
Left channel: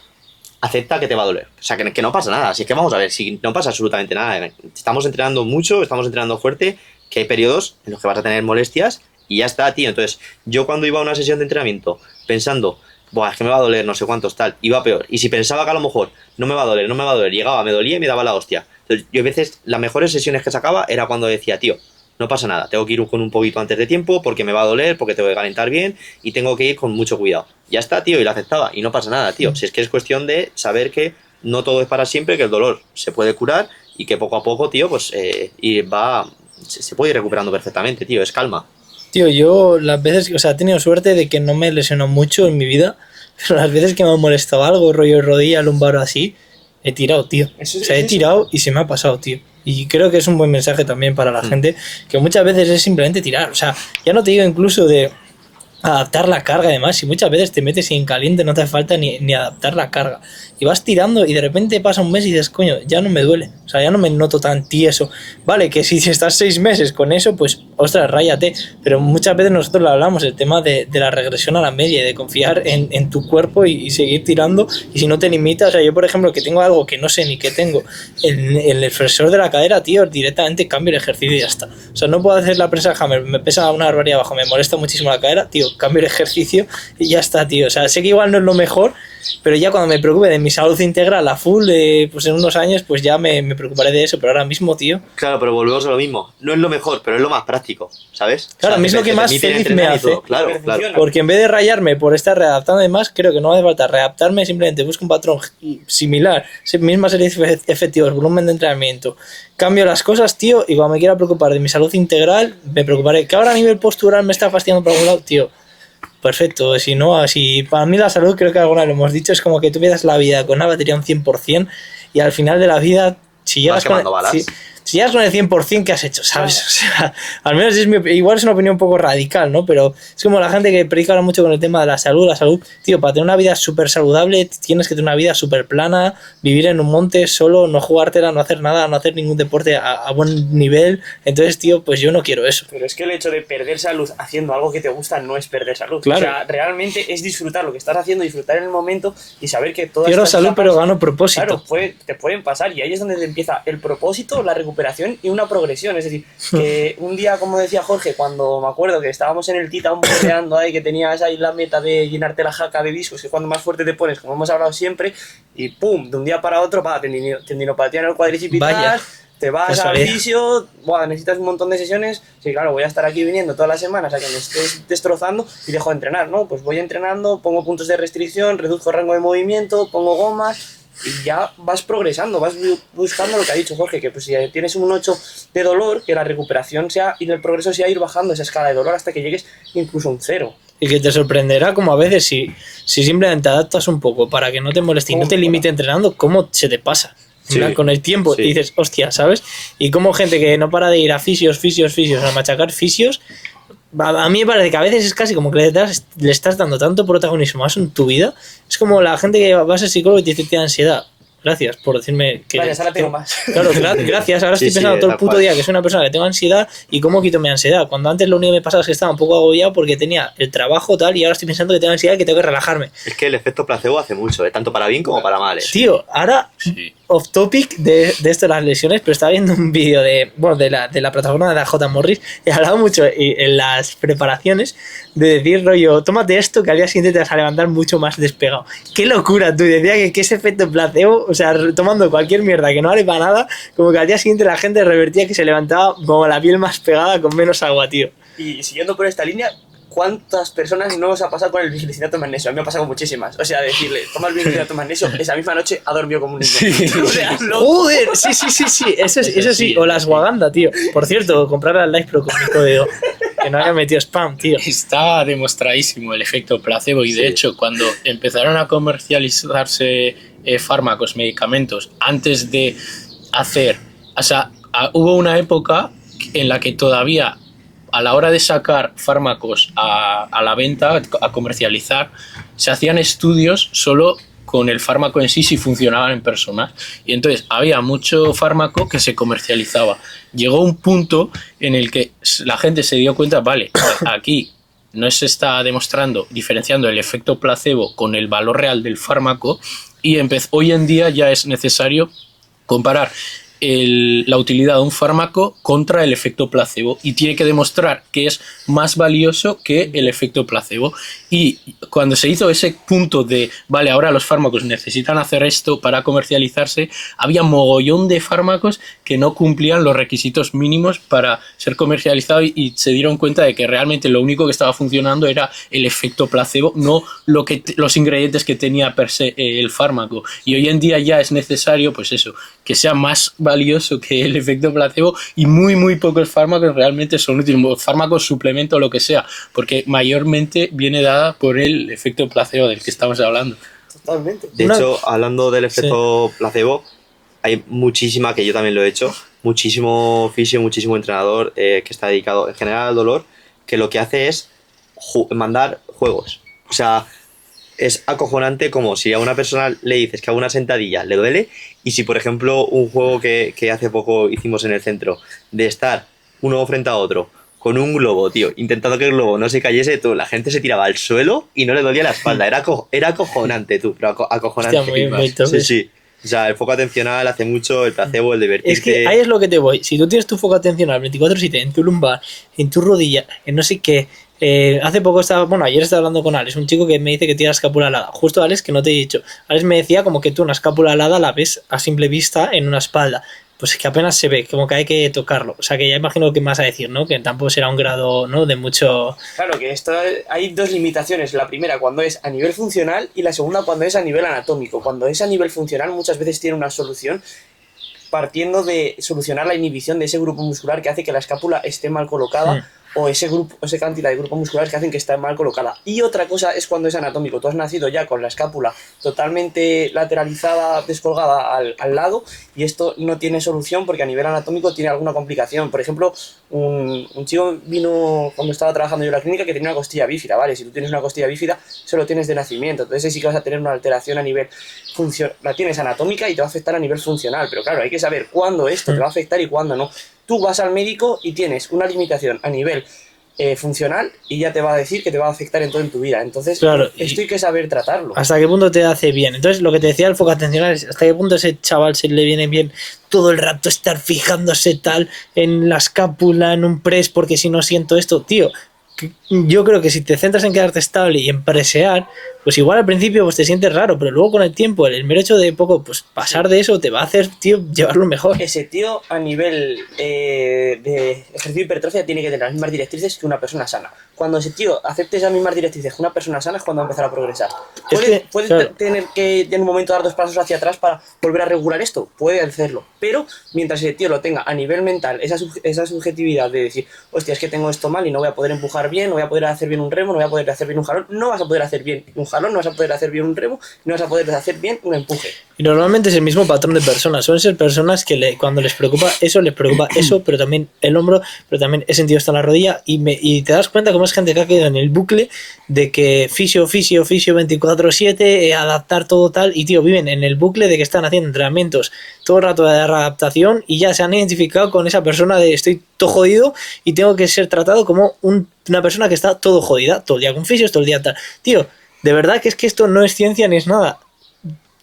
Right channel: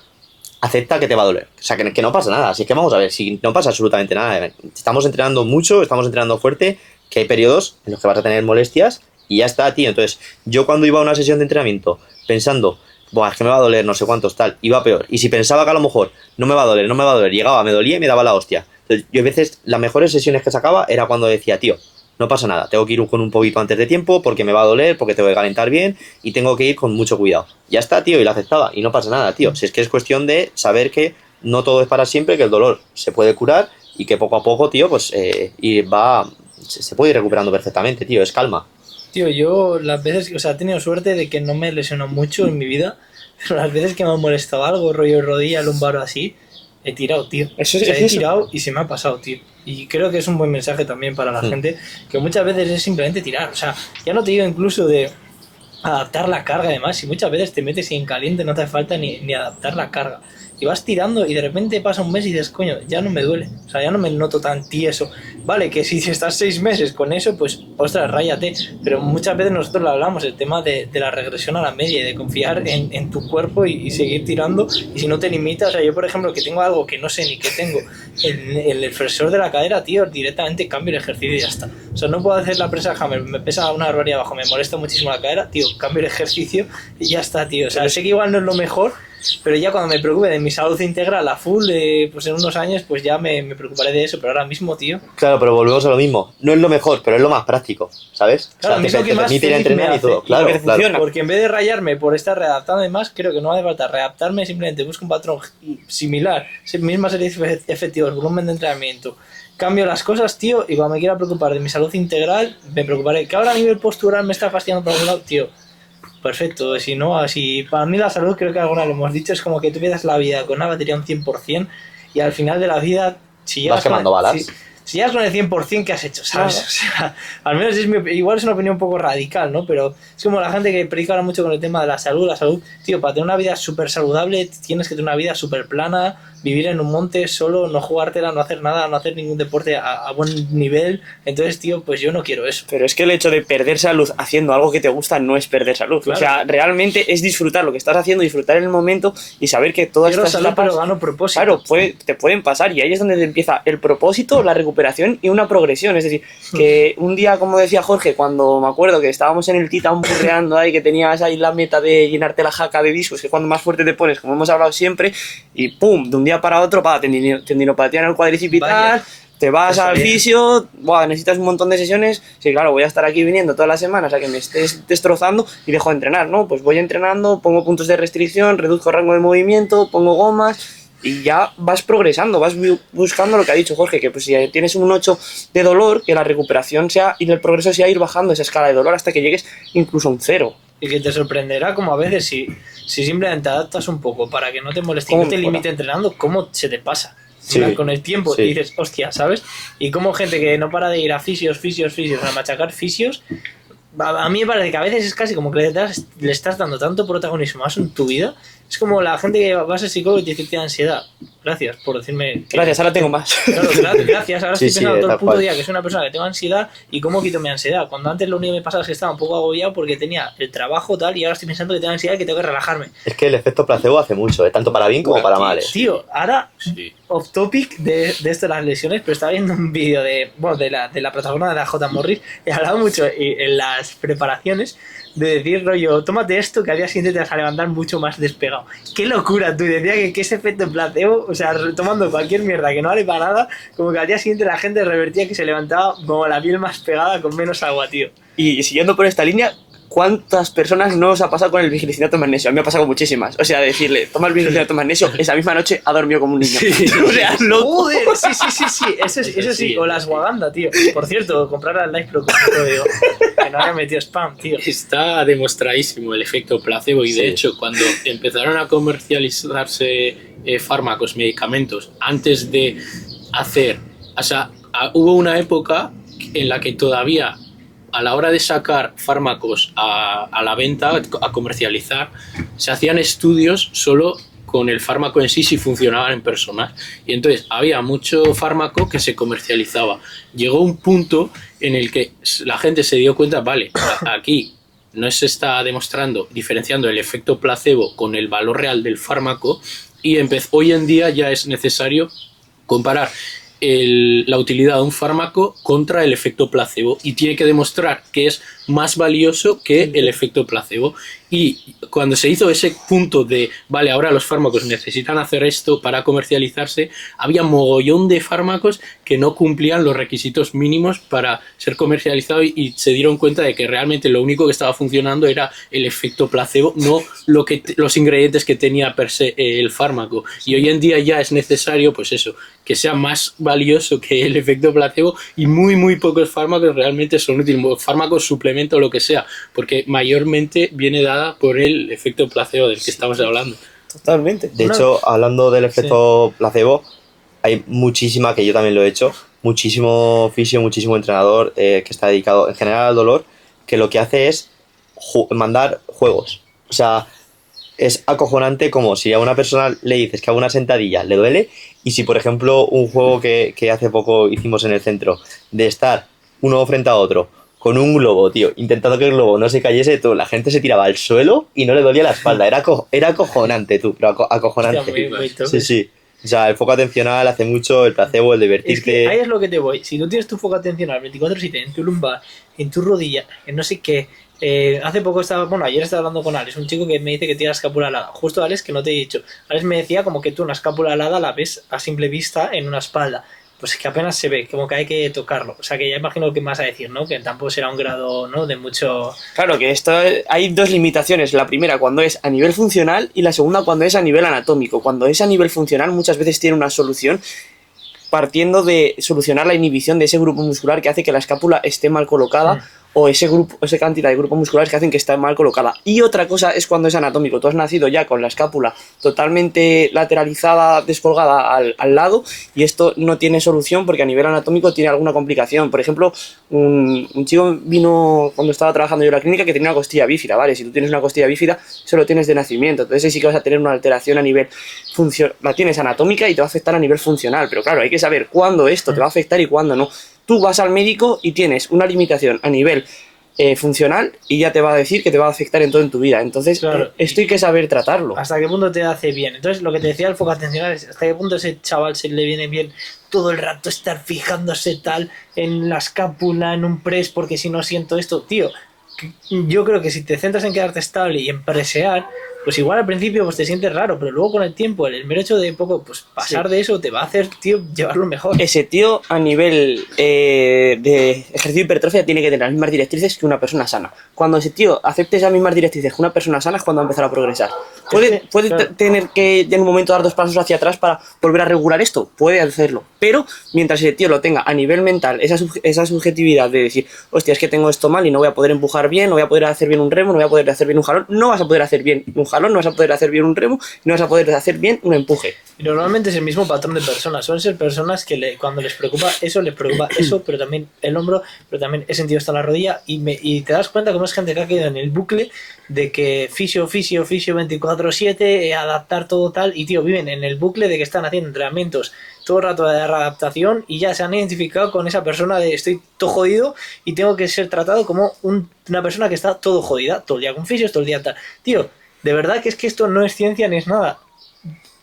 acepta que te va a doler. O sea, que no pasa nada. Así es que vamos a ver, si no pasa absolutamente nada. Estamos entrenando mucho, estamos entrenando fuerte, que hay periodos en los que vas a tener molestias y ya está, tío. Entonces, yo cuando iba a una sesión de entrenamiento pensando, buah, es que me va a doler, no sé cuántos, tal, iba peor. Y si pensaba que a lo mejor no me va a doler, llegaba, me dolía y me daba la hostia. Entonces, yo a veces, las mejores sesiones que sacaba era cuando decía, tío, no pasa nada, tengo que ir con un poquito antes de tiempo porque me va a doler, porque tengo que calentar bien y tengo que ir con mucho cuidado. Ya está, tío, y lo aceptaba y no pasa nada, tío. Si es que es cuestión de saber que no todo es para siempre, que el dolor se puede curar y que poco a poco, tío, pues se puede ir recuperando perfectamente, tío, es calma. Tío, yo las veces, o sea, he tenido suerte de que no me lesionó mucho en mi vida, pero las veces que me ha molestado algo, rollo rodilla, lumbar o así, he tirado, tío. He tirado y se me ha pasado, tío. Y creo que es un buen mensaje también para la gente, que muchas veces es simplemente tirar. O sea, ya no te digo incluso de adaptar la carga además, y muchas veces te metes y en caliente no te hace falta ni adaptar la carga. Y vas tirando y de repente pasa un mes y dices, coño, ya no me duele. O sea, ya no me noto tan tieso. Vale, que si estás 6 meses con eso, pues, ostras, ráyate. Pero muchas veces nosotros lo hablamos, el tema de la regresión a la media y de confiar en tu cuerpo y seguir tirando. Y si no te limitas, o sea, yo por ejemplo, que tengo algo que no sé ni qué tengo en el flexor de la cadera, tío, directamente cambio el ejercicio y ya está. O sea, no puedo hacer la presa hammer, me pesa una barbaridad abajo, me molesta muchísimo la cadera, tío, cambio el ejercicio y ya está, tío. O sea, sé que igual no es lo mejor, pero ya cuando me preocupe de mi salud integral a full, pues en unos años, pues ya me preocuparé de eso. Pero ahora mismo, tío... Claro, pero volvemos a lo mismo. No es lo mejor, pero es lo más práctico, ¿sabes? Claro, o sea, mismo que más feliz me hace. Claro, claro. Porque en vez de rayarme por estar readaptando además, creo que no hace falta readaptarme, simplemente busco un patrón similar, misma serie de efectivos, volumen de entrenamiento. Cambio las cosas, tío, y cuando me quiera preocupar de mi salud integral, me preocuparé. Que ahora a nivel postural me está fastidiando por algún lado, tío. Perfecto, si no, así para mí la salud, creo que alguna vez lo hemos dicho, es como que tú vivas la vida con una batería un 100% y al final de la vida, si llegas quemando balas. Si llegas con el 100%, ¿qué has hecho? ¿Sabes? O sea, al menos igual es una opinión un poco radical, ¿no? Pero es como la gente que predica ahora mucho con el tema de la salud. La salud, tío, para tener una vida súper saludable tienes que tener una vida súper plana, vivir en un monte solo, no jugártela, no hacer nada, no hacer ningún deporte a buen nivel. Entonces, tío, pues yo no quiero eso. Pero es que el hecho de perder salud haciendo algo que te gusta no es perder salud. Claro. O sea, realmente es disfrutar lo que estás haciendo, disfrutar en el momento y saber que todas Quiero estas salud, etapas, pero gano propósito. claro, te pueden pasar y ahí es donde empieza el propósito, la recuperación y una progresión. Es decir, que un día, como decía Jorge, cuando me acuerdo que estábamos en el Titan burreando ahí, que tenías ahí la meta de llenarte la jaca de discos, que cuando más fuerte te pones, como hemos hablado siempre, y pum, de un día para otro, tendinopatía en el cuádriceps, te vas al fisio, necesitas un montón de sesiones. Sí, claro, voy a estar aquí viniendo todas las semanas a que me estés destrozando y dejo de entrenar, ¿no? Pues voy entrenando, pongo puntos de restricción, reduzco rango de movimiento, pongo gomas y ya vas progresando, vas buscando lo que ha dicho Jorge, que pues si tienes un 8 de dolor, que la recuperación sea y el progreso sea ir bajando esa escala de dolor hasta que llegues incluso a un 0. Y que te sorprenderá como a veces si simplemente adaptas un poco para que no te moleste y no te limite entrenando, cómo se te pasa. Sí, con el tiempo, sí. Y dices, hostia, ¿sabes? Y como gente que no para de ir a fisios, a machacar fisios, a mí me parece que a veces es casi como que le estás dando tanto protagonismo a eso en tu vida. Es como la gente que va a ser psicólogo y te dice que tiene ansiedad. Gracias por decirme que... Gracias, ahora tengo más. Claro, gracias. Ahora estoy pensando todo el puto día que soy una persona que tengo ansiedad y cómo quito mi ansiedad. Cuando antes lo único que me pasaba es que estaba un poco agobiado porque tenía el trabajo tal y ahora estoy pensando que tengo ansiedad y que tengo que relajarme. Es que el efecto placebo hace mucho, tanto para bien como para mal. Tío, ahora... Sí. Off topic de esto de las lesiones, pero estaba viendo un vídeo de la plataforma de la J. Morris y hablaba mucho en las preparaciones de decir, rollo, tómate esto que al día siguiente te vas a levantar mucho más despegado. ¡Qué locura! Tú decía que ese efecto placebo, o sea, tomando cualquier mierda que no vale para nada, como que al día siguiente la gente revertía que se levantaba como la piel más pegada con menos agua, tío. Y siguiendo por esta línea, ¿cuántas personas no os ha pasado con el vigilicidato magnesio? A mí me ha pasado muchísimas. O sea, decirle, toma el vigilicidato magnesio, esa misma noche ha dormido como un niño. Sí. O sea, ¡joder! Sí. Eso sí. O la ashwagandha, tío. Por cierto, comprar al Life Pro con mi código. Que no haya metido spam, tío. Está demostradísimo el efecto placebo y de hecho, cuando empezaron a comercializarse fármacos, medicamentos, antes de hacer... O sea, hubo una época en la que todavía... A la hora de sacar fármacos a la venta, a comercializar, se hacían estudios solo con el fármaco en sí si funcionaban en personas. Y entonces había mucho fármaco que se comercializaba. Llegó un punto en el que la gente se dio cuenta, vale, aquí no se está diferenciando el efecto placebo con el valor real del fármaco y hoy en día ya es necesario comparar la utilidad de un fármaco contra el efecto placebo y tiene que demostrar que es más valioso que el efecto placebo. Y cuando se hizo ese punto de, vale, ahora los fármacos necesitan hacer esto para comercializarse, había mogollón de fármacos que no cumplían los requisitos mínimos para ser comercializados y se dieron cuenta de que realmente lo único que estaba funcionando era el efecto placebo, no los ingredientes que tenía per se el fármaco. Y hoy en día ya es necesario, pues eso, que sea más valioso que el efecto placebo y muy pocos fármacos realmente son útiles, fármacos, suplemento, lo que sea, porque mayormente viene dada por el efecto placebo del que estamos hablando. Totalmente. De hecho, hablando del efecto placebo, hay muchísima, que yo también lo he hecho, muchísimo fisio, muchísimo entrenador que está dedicado en general al dolor, que lo que hace es mandar juegos. O sea, es acojonante como si a una persona le dices que haga una sentadilla, le duele, y si por ejemplo un juego que hace poco hicimos en el centro, de estar uno frente a otro, con un globo, tío, intentando que el globo no se cayese, tú, la gente se tiraba al suelo y no le dolía la espalda. Era acojonante, tú, pero acojonante. Hostia, muy top. Sí, sí. O sea, el foco atencional hace mucho, el placebo, el divertirte. Es que ahí es lo que te voy. Si tú tienes tu foco atencional 24/7 en tu lumbar, en tu rodilla, en no sé qué. Hace poco ayer estaba hablando con Alex, un chico que me dice que tiene la escápula alada. Justo Alex, que no te he dicho. Alex me decía como que tú una escápula alada la ves a simple vista en una espalda. Pues es que apenas se ve, como que hay que tocarlo. O sea, que ya imagino lo que me vas a decir, ¿no? Que tampoco será un grado, ¿no? De mucho... Claro, que esto hay dos limitaciones. La primera cuando es a nivel funcional y la segunda cuando es a nivel anatómico. Cuando es a nivel funcional muchas veces tiene una solución partiendo de solucionar la inhibición de ese grupo muscular que hace que la escápula esté mal colocada o esa cantidad de grupos musculares que hacen que esté mal colocada. Y otra cosa es cuando es anatómico. Tú has nacido ya con la escápula totalmente lateralizada, descolgada al lado, y esto no tiene solución porque a nivel anatómico tiene alguna complicación. Por ejemplo, un chico vino cuando estaba trabajando yo en la clínica que tenía una costilla bífida, ¿vale? Si tú tienes una costilla bífida, eso lo tienes de nacimiento. Entonces ahí sí que vas a tener una alteración a nivel la tienes anatómica y te va a afectar a nivel funcional. Pero claro, hay que saber cuándo esto te va a afectar y cuándo no. Tú vas al médico y tienes una limitación a nivel funcional y ya te va a decir que te va a afectar en todo en tu vida. Entonces, claro, esto hay que saber tratarlo. ¿Hasta qué punto te hace bien? Entonces, lo que te decía el foco atencional es hasta qué punto a ese chaval se le viene bien todo el rato estar fijándose tal en la escápula, en un press, porque si no siento esto, tío. Yo creo que si te centras en quedarte estable y en presear, pues igual al principio pues te sientes raro, pero luego con el tiempo, el mero hecho de poco pues pasar de eso te va a hacer, tío, llevarlo mejor. Ese tío a nivel de ejercicio de hipertrofia tiene que tener las mismas directrices que una persona sana. Cuando ese tío acepte esas mismas directrices que una persona sana es cuando va a empezar a progresar. ¿Puede claro, tener que en un momento dar 2 pasos hacia atrás para volver a regular esto? Puede hacerlo, pero mientras ese tío lo tenga a nivel mental, esa subjetividad de decir, hostia, es que tengo esto mal y no voy a poder empujar bien, no voy a poder hacer bien un remo, no voy a poder hacer bien un jalón, no vas a poder hacer bien un jalón, no vas a poder hacer bien un remo, no vas a poder hacer bien un empuje. Y normalmente es el mismo patrón de personas. Suelen ser personas que cuando les preocupa eso, pero también el hombro, pero también he sentido esto en la rodilla, y te das cuenta cómo es gente que ha quedado en el bucle de que fisio 24/7, adaptar todo tal, y tío, viven en el bucle de que están haciendo entrenamientos todo el rato de adaptación y ya se han identificado con esa persona de estoy todo jodido y tengo que ser tratado como una persona que está todo jodida, todo el día con fisios, todo el día tal. Tío, de verdad que es que esto no es ciencia ni es nada.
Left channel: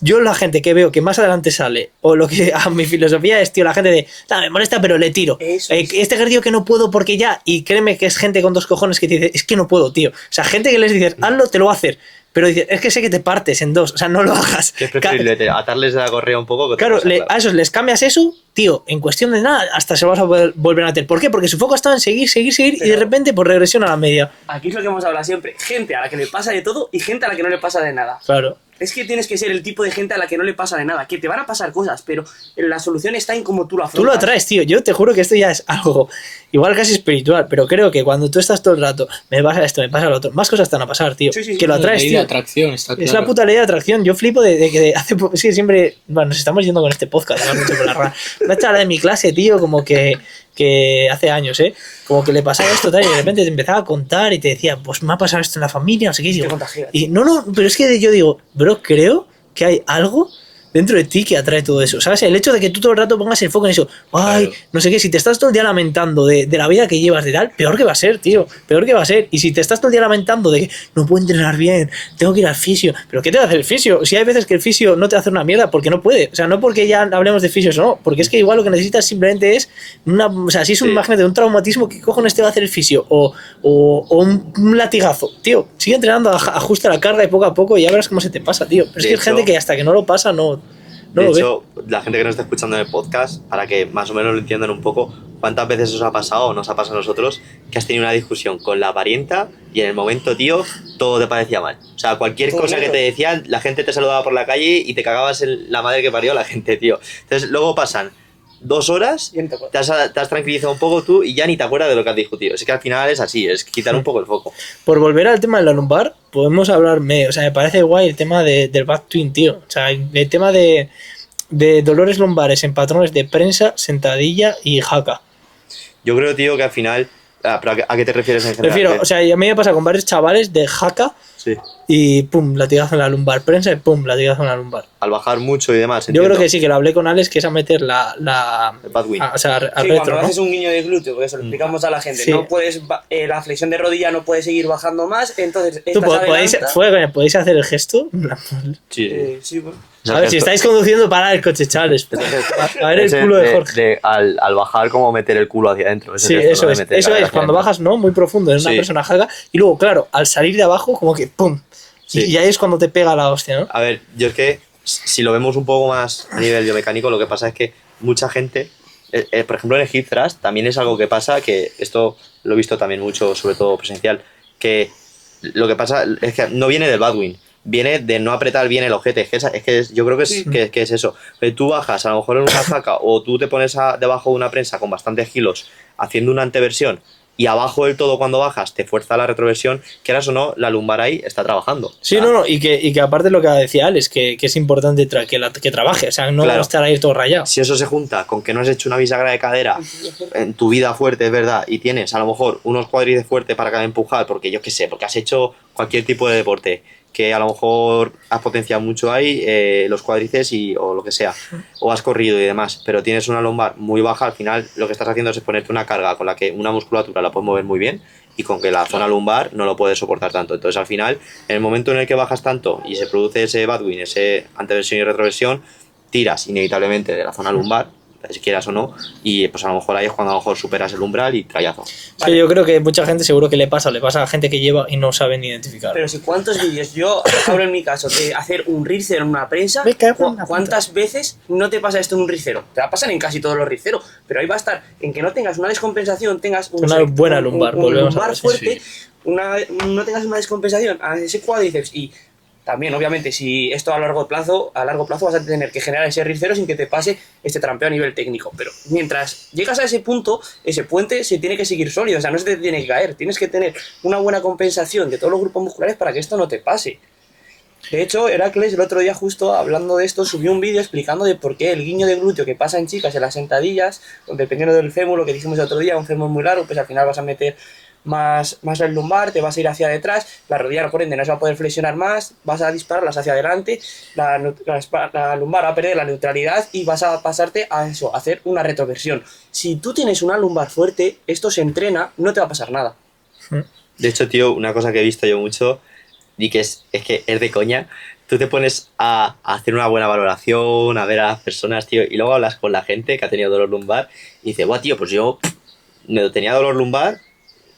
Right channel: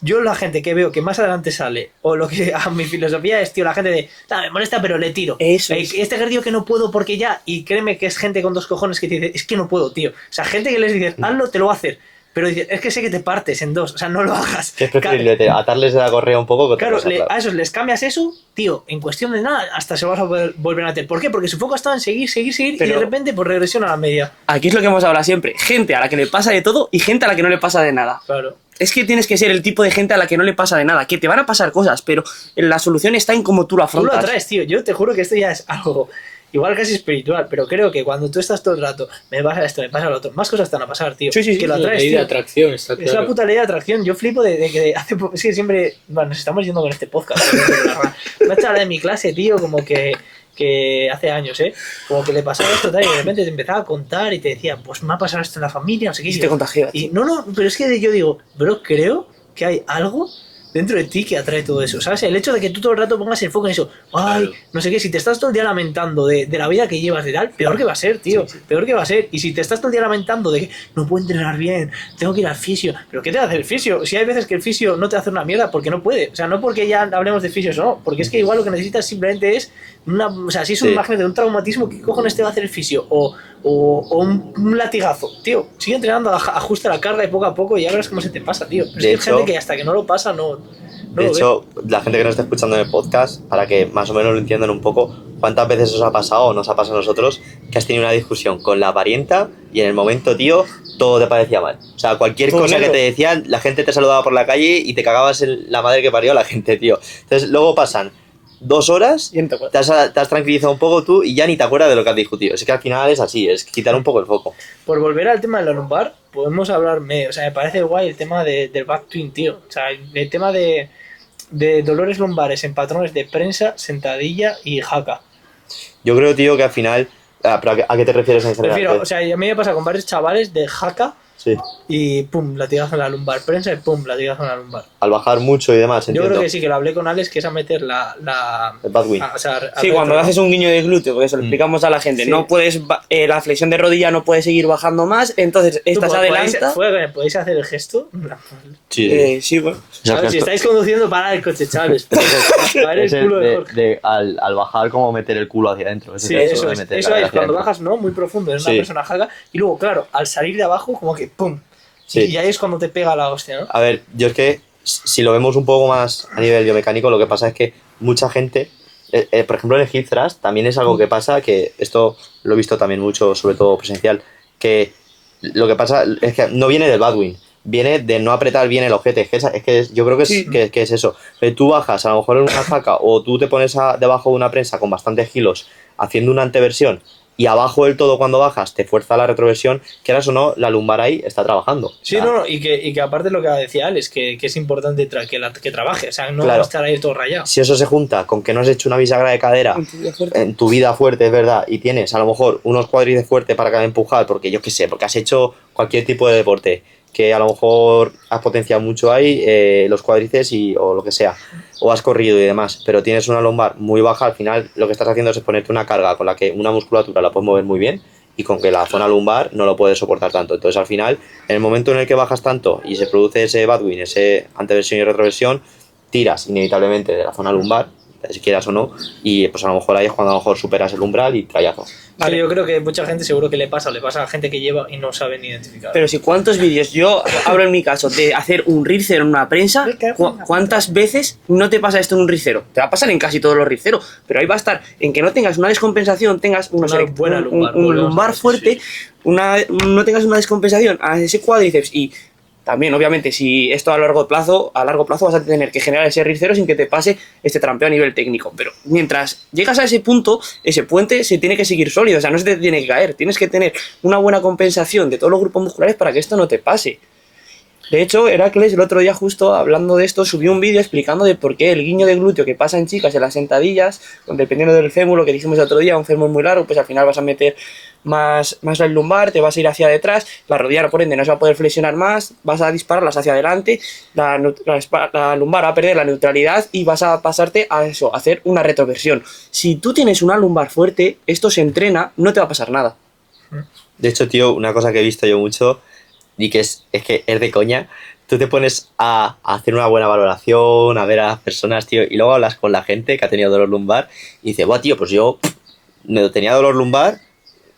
Yo la gente que veo que más adelante sale, o lo que a mi filosofía es, tío, la gente de, me molesta pero le tiro. Este ejercicio que no puedo porque ya, y créeme que es gente con 2 cojones que te dice, es que no puedo, tío. O sea, gente que les dices, hazlo, te lo va a hacer. Pero dices, es que sé que te partes en 2, o sea, no lo hagas. Es preferible atarles de la correa un poco. Que claro, a esos les cambias eso, tío, en cuestión de nada, hasta se lo vas a volver a meter. ¿Por qué? Porque su foco está en seguir, pero, y de repente, por regresión a la media. Aquí es lo que hemos hablado siempre, gente a la que le pasa de todo y gente a la que no le pasa de nada. Claro. Es que tienes que ser el tipo de gente a la que no le pasa de nada, que te van a pasar cosas, pero la solución está en cómo tú lo afrontas. Tú lo atraes, tío. Yo te juro que esto ya es algo igual casi espiritual, pero creo que cuando tú estás todo el rato, me pasa esto, me pasa lo otro, más cosas te van a pasar, tío. Sí, que lo atraes, tío. La atracción, está claro. Es la puta ley de atracción. Yo flipo de que hace poco, es que siempre, bueno, nos estamos yendo con este podcast, una charla de mi clase, tío, como que hace años, como que le pasaba esto tal, y de repente te empezaba a contar y te decía, pues me ha pasado esto en la familia, no sé qué. Y te contagias. Y no, pero es que yo digo, bro, creo que hay algo dentro de ti que atrae todo eso, ¿sabes? El hecho de que tú todo el rato pongas el foco en eso, ay, claro, no sé qué, si te estás todo el día lamentando de la vida que llevas de tal, peor que va a ser, tío, peor que va a ser. Y si te estás todo el día lamentando de que no puedo entrenar bien, tengo que ir al fisio, ¿pero qué te va a hacer el fisio? Si hay veces que el fisio no te hace una mierda porque no puede, o sea, no porque ya hablemos de fisios o no, porque es que igual lo que necesitas simplemente es o sea, si es una imagen de un traumatismo, ¿qué cojones te va a hacer el fisio? O un latigazo, tío, sigue entrenando, ajusta la carga y poco a poco y ya verás cómo se te pasa, tío. Pero es que hay gente que hasta que no lo pasa, no de hecho, la gente que nos está escuchando en el podcast, para que más o menos lo entiendan un poco, ¿cuántas veces os ha pasado o nos ha pasado a nosotros que has tenido una discusión con la parienta y en el momento, tío, todo te parecía mal? O sea, cualquier cosa que te decían, la gente te saludaba por la calle y te cagabas en la madre que parió a la gente, tío. Entonces, luego pasan 2 horas, te has tranquilizado un poco tú y ya ni te acuerdas de lo que has discutido. Es que al final es así, es quitar un poco el foco. Por volver al tema de la lumbar, podemos hablar, o sea, me parece guay el tema del back twin, tío. O sea, el tema de dolores lumbares en patrones de prensa, sentadilla y jaca. Yo creo, tío, que al final ¿Pero a qué te refieres en general? Prefiero, o sea, a mí me pasa con varios chavales de jaca Sí. y pum, latigazo en la lumbar. Prensa y pum, latigazo en la lumbar. Al bajar mucho y demás, Yo entiendo. creo que sí, que lo hablé con Alex, que es a meter El Badwin. o sea, al Sí, retro, cuando ¿no? haces un guiño de glúteo, porque eso lo explicamos a la gente, Sí. no puedes, la flexión de rodilla no puede seguir bajando más, entonces ¿Tú estás adelanta. podéis hacer el gesto? Sí. Sí, bueno. A ver, si estáis conduciendo, parad el coche, chavales. A ver el Ese culo de Jorge. al bajar, como meter el culo hacia adentro. Sí, gesto, eso ¿no? De es. meter Eso la es, cara hacia cuando adentro. bajas, ¿no? Muy profundo, eres una Sí. persona jaca. Y luego, claro, al salir de abajo, como que ¡pum! Sí. Y ahí es cuando te pega la hostia, ¿no? A ver, yo es que si lo vemos un poco más a nivel biomecánico, lo que pasa es que mucha gente, por ejemplo en el hip thrust, también es algo que pasa, que esto lo he visto también mucho, sobre todo presencial, que lo que pasa es que no viene del Badwin, viene de no apretar bien el ojete. Yo creo que es, Sí. que es eso. Tú bajas a lo mejor en una jaca o tú te pones debajo de una prensa con bastantes kilos haciendo una anteversión y abajo del todo cuando bajas te fuerza la retroversión, quieras o no, la lumbar ahí está trabajando. Sí, O sea, no, y que aparte lo que decía Alex, que es importante que trabaje, o sea, no Claro. estar ahí todo rayado. Si eso se junta con que no has hecho una bisagra de cadera en tu vida fuerte, es verdad, y tienes a lo mejor unos cuádriceps fuertes para empujar, porque yo qué sé, porque has hecho cualquier tipo de deporte, que a lo mejor has potenciado mucho ahí los cuádriceps o lo que sea, o has corrido y demás, pero tienes una lumbar muy baja, al final lo que estás haciendo es ponerte una carga con la que una musculatura la puedes mover muy bien y con que la zona lumbar no lo puedes soportar tanto. Entonces al final, en el momento en el que bajas tanto y se produce ese Badwin, ese anteversión y retroversión, tiras inevitablemente de la zona lumbar, si quieras o no, y pues a lo mejor ahí es cuando a lo mejor superas el umbral y trayazo. Es que yo creo que mucha gente seguro que le pasa a gente que lleva y no saben identificar. Pero si cuántos vídeos, yo hablo en mi caso de hacer un ricero en una prensa, Me cago en la ¿cuántas veces no te pasa esto en un ricero? Te va a pasar en casi todos los riceros, pero ahí va a estar en que no tengas una descompensación, tengas Una buena lumbar, un volvemos a lumbar ver, sí, fuerte, no tengas una descompensación a ese cuádriceps y también, obviamente, si esto a largo plazo vas a tener que generar ese ricero sin que te pase este trampeo a nivel técnico. Pero mientras llegas a ese punto, ese puente se tiene que seguir sólido, o sea, no se te tiene que caer. Tienes que tener una buena compensación de todos los grupos musculares para que esto no te pase. De hecho, Heracles el otro día justo hablando de esto subió un vídeo explicando de por qué el guiño de glúteo que pasa en chicas en las sentadillas, dependiendo del fémur, lo que dijimos el otro día, un fémur muy largo, pues al final vas a meter más el lumbar, te vas a ir hacia detrás, la rodilla por ende no se va a poder flexionar más, vas a dispararlas hacia adelante, la lumbar va a perder la neutralidad y vas a pasarte a eso, a hacer una retroversión. Si tú tienes una lumbar fuerte, esto se entrena, no te va a pasar nada. De hecho, tío, una cosa que he visto yo mucho y que es que es de coña, tú te pones a hacer una buena valoración, a ver a las personas, tío, y luego hablas con la gente que ha tenido dolor lumbar y dice, buah, tío, pues yo me tenía dolor lumbar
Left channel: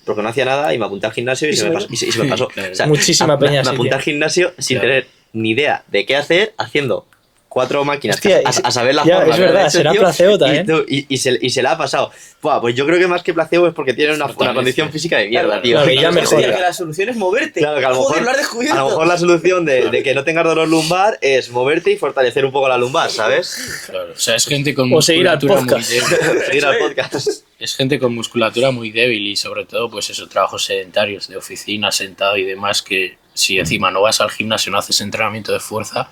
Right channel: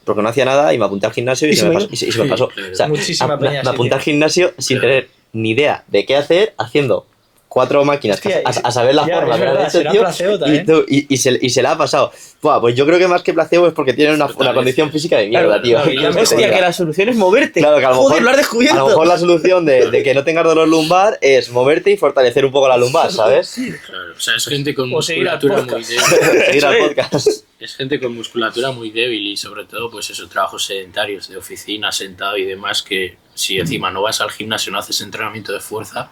porque no hacía nada y me apunté al gimnasio y se me pasó. O sea, Muchísima peña me así, apunté tío. al gimnasio sin Claro. tener ni idea de qué hacer, haciendo 4 máquinas Hostia, a saber las ya, formas es que han verdad, hecho, será tío, placebo también. y se la ha pasado. Buah, pues yo creo que más que placebo es porque tienen una condición física de mierda, tío. Claro, y ya me Hostia, jodí. Que la solución es moverte. Claro, que a lo Joder, mejor, lo has descubierto. a lo mejor la solución de que no tengas dolor lumbar es moverte y fortalecer un poco la lumbar, ¿sabes? Claro, o sea, es gente con O seguir al musculatura muy podcast. débil. Seguir al podcast. Es gente con musculatura muy débil y sobre todo, pues eso, trabajos sedentarios de oficina, sentado y demás, que si encima no vas al gimnasio, no haces entrenamiento de fuerza,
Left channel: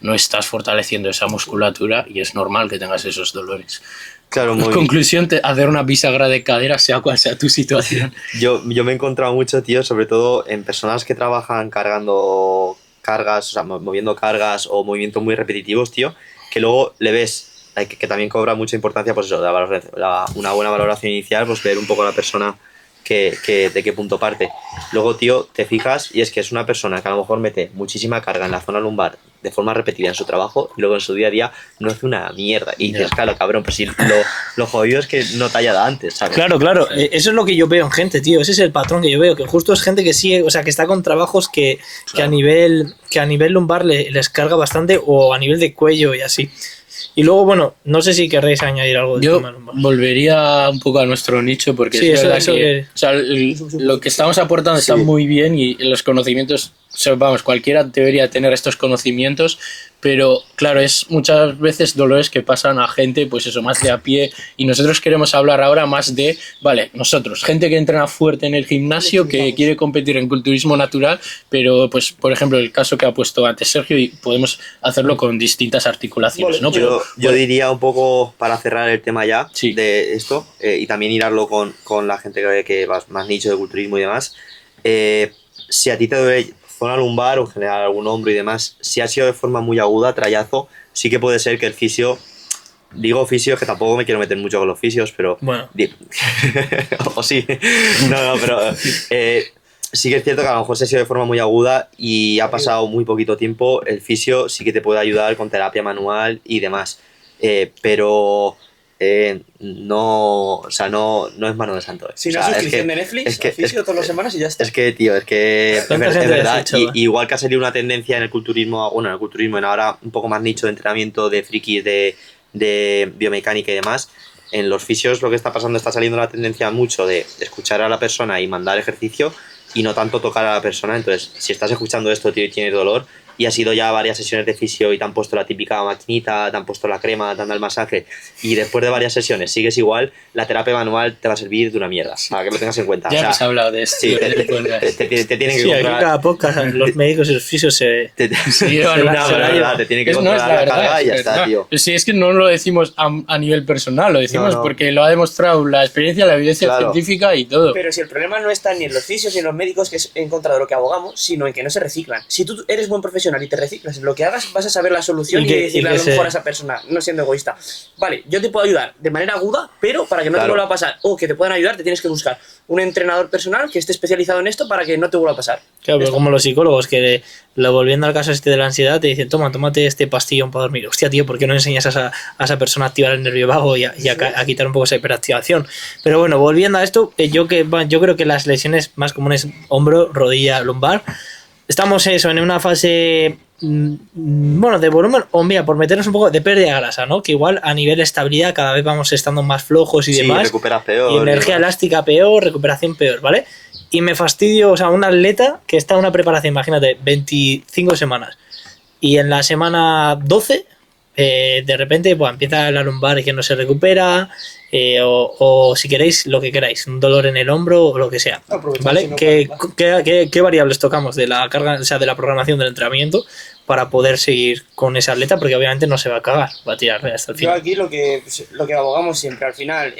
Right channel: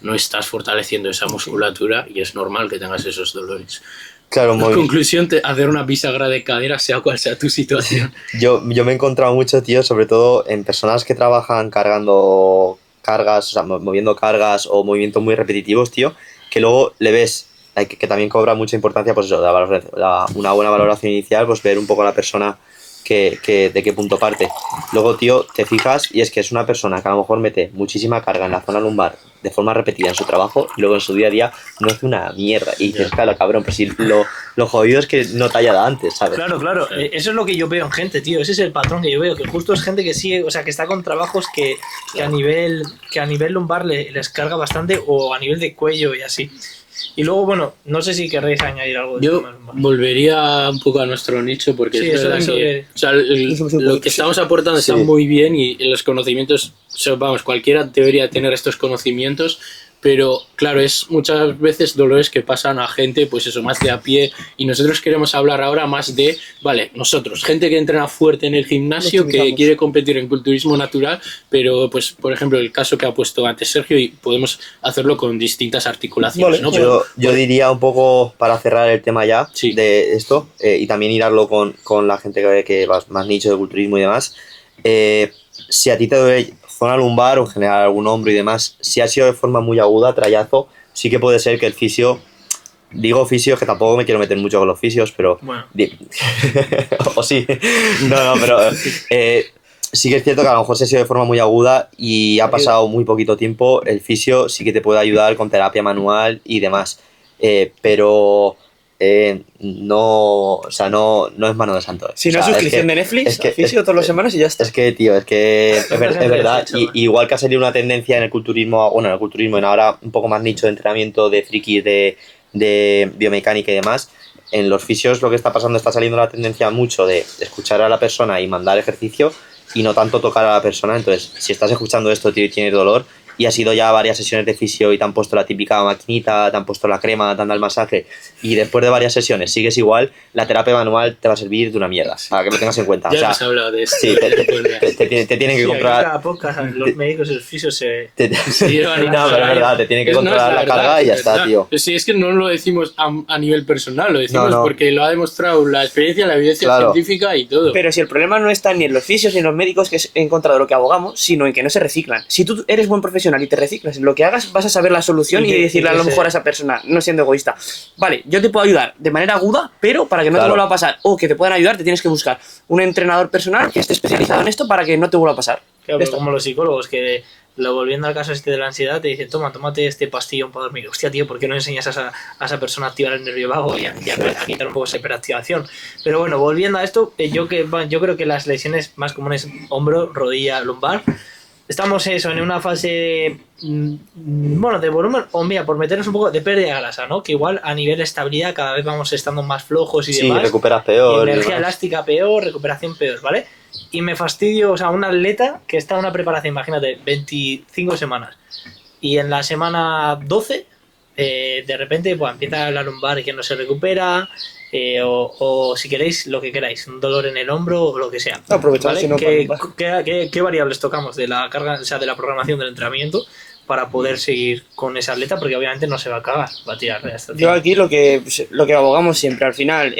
no estás fortaleciendo esa musculatura y es normal que tengas esos dolores. Claro, En muy conclusión, hacer una bisagra de cadera, sea cual sea tu situación. Yo me he encontrado mucho, tío, sobre todo en personas que trabajan cargando cargas, o sea, moviendo cargas o movimientos muy repetitivos, tío, que luego le ves que también cobra mucha importancia, pues eso, una buena valoración inicial, pues ver un poco a la persona de qué punto parte. Luego, tío, te fijas y es que es una persona que a lo mejor mete muchísima carga en la zona lumbar de forma repetida en su trabajo y luego en su día a día no hace una mierda. Y dices, claro, cabrón, pues si lo jodido es que no te haya dado antes, ¿sabes? Claro, claro, eso es lo que yo veo en gente, tío. Ese es el patrón que yo veo, que justo es gente que sigue, o sea, que está con trabajos que a nivel lumbar les carga bastante o a nivel de cuello y así. Y luego, bueno, no sé si querréis añadir algo de Yo tema lumbar. volvería un poco a nuestro nicho porque Sí, es eso- verdad eso que, que- o sea, lo que estamos aportando está Sí. muy bien y los conocimientos, o sea, vamos, cualquiera debería tener estos conocimientos, pero claro, es muchas veces dolores que pasan a gente, pues eso, más de a pie, y nosotros queremos hablar ahora más de, vale, nosotros, gente que entrena fuerte en el gimnasio, que quiere competir en culturismo natural, pero pues, por ejemplo, el caso que ha puesto antes Sergio, y podemos hacerlo con distintas articulaciones, ¿no? Yo diría un poco, para cerrar el tema ya, Sí. de esto, y también irlo con la gente que va más nicho de culturismo y demás, si a ti te duele zona lumbar o en general algún hombro y demás, si ha sido de forma muy aguda, trayazo, sí que puede ser que el fisio, digo fisio, es que tampoco me quiero meter mucho con los fisios, pero... Bueno. o sí, pero sí que es cierto que a lo mejor se ha sido de forma muy aguda y ha pasado muy poquito tiempo, el fisio sí que te puede ayudar con terapia manual y demás, pero... no, o sea, no es mano de santo. Si O no sea, suscripción de Netflix, al fisio todas las semanas y ya está. Es que, tío, es verdad. hecho, Y igual que ha salido una tendencia en el culturismo, bueno, en el culturismo, en ahora un poco más nicho de entrenamiento de frikis, de biomecánica y demás, en los fisios lo que está pasando, está saliendo la tendencia mucho de escuchar a la persona y mandar ejercicio y no tanto tocar a la persona. Entonces, si estás escuchando esto, tío, y tienes dolor, y has ido ya a varias sesiones de fisio y te han puesto la típica maquinita, te han puesto la crema, te han dado el masaje, y después de varias sesiones sigues igual, la terapia manual te va a servir de una mierda, para que lo tengas en cuenta. Ya O sea, hemos hablado de esto. sí, te tienen que Sí, aquí comprar... cada podcast los médicos y los fisios se... Sí, no, vale, pero es verdad, te tienen que no, es controlar la verdad, carga y ya es está, verdad. tío. Sí, es que no lo decimos a nivel personal, lo decimos No. porque lo ha demostrado la experiencia, la evidencia Claro. científica y todo. Pero si el problema no está ni en los fisios ni en los médicos, que es en contra de lo que abogamos, sino en que no se reciclan. Si tú eres buen profesional y te reciclas en lo que hagas, vas a saber la solución Y y, que- decirle y que a lo se- mejor a esa persona, no siendo egoísta. Vale, yo te puedo ayudar de manera aguda, pero para que no te Claro. vuelva a pasar, o que te puedan ayudar, te tienes que buscar un entrenador personal que esté especializado en esto para que no te vuelva a pasar. Claro, Ya pero está. como los psicólogos que, volviendo al caso este de la ansiedad, te dicen, tómate este pastillón para dormir. Hostia, tío, ¿por qué no enseñas a esa persona a activar el nervio vago y a quitar un poco esa hiperactivación? Pero bueno, volviendo a esto, yo creo que las lesiones más comunes, hombro, rodilla, lumbar, estamos en una fase, bueno, de volumen, o mira, por meternos un poco de pérdida de grasa, ¿no? Que igual a nivel de estabilidad cada vez vamos estando más flojos y Sí, demás. recuperas peor. y Energía demás. elástica peor, recuperación peor, ¿vale? Y me fastidio, o sea, un atleta que está en una preparación, imagínate, 25 semanas, y en la semana 12, de repente, pues, empieza la lumbar y que no se recupera, o si queréis, lo que queráis, un dolor en el hombro o lo que sea. Aprovechar ¿Vale? si no ¿Qué variables tocamos de la carga, o sea, de la programación del entrenamiento para poder seguir con ese atleta? Porque obviamente no se va a cagar, va a tirar hasta el Yo final. aquí lo que abogamos siempre al final,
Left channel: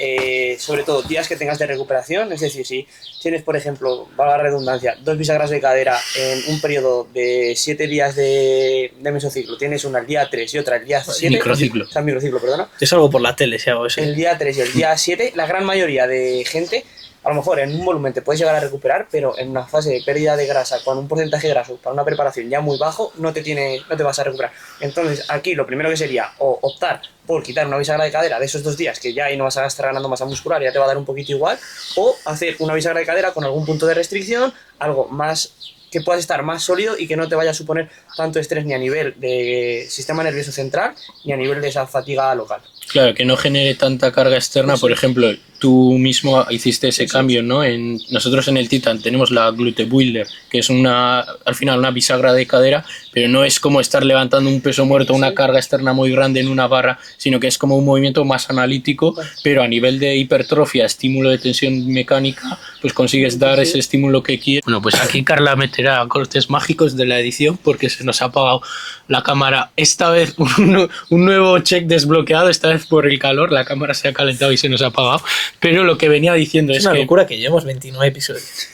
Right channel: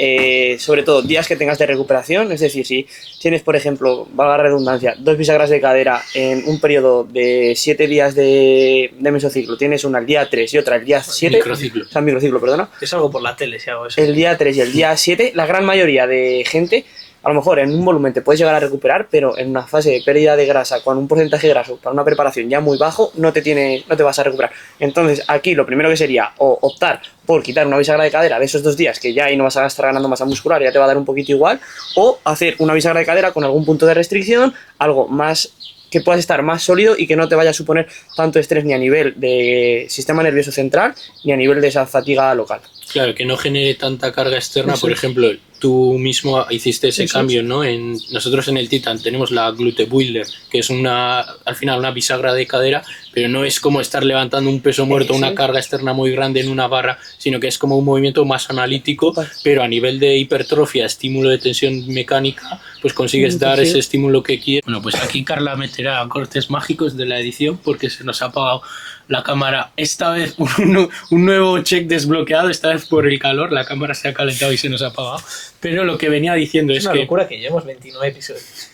sobre todo días que tengas de recuperación, es decir, si tienes, por ejemplo, valga la redundancia, 2 bisagras de cadera en un periodo de 7 días de mesociclo, tienes una el día 3 y otra el día 7, microciclo. o sea, microciclo, perdona, Yo salgo por la tele si hago eso. el día 3 y el día 7, la gran mayoría de gente, a lo mejor en un volumen te puedes llegar a recuperar, pero en una fase de pérdida de grasa, con un porcentaje graso para una preparación ya muy bajo, no te vas a recuperar. Entonces, aquí lo primero que sería o optar por quitar una bisagra de cadera de esos 2 días, que ya ahí no vas a estar ganando masa muscular, ya te va a dar un poquito igual, o hacer una bisagra de cadera con algún punto de restricción, algo más que puedas estar más sólido y que no te vaya a suponer tanto estrés ni a nivel de sistema nervioso central ni a nivel de esa fatiga local. Claro, que no genere tanta carga externa. Por ejemplo, tú mismo hiciste ese cambio, ¿no? Nosotros en el Titan tenemos la Glute Builder, que es al final una bisagra de cadera, pero no es como estar levantando un peso muerto, una carga externa muy grande en una barra, sino que es como un movimiento más analítico, pero a nivel de hipertrofia, estímulo de tensión mecánica, pues consigues dar ese estímulo que quieres. Bueno, pues aquí Carla meterá cortes mágicos de la edición porque se nos ha apagado la cámara, esta vez un nuevo check desbloqueado, esta vez por el calor, la cámara se ha calentado y se nos ha apagado, pero lo que venía diciendo Es es una que locura que llevamos 29 episodios.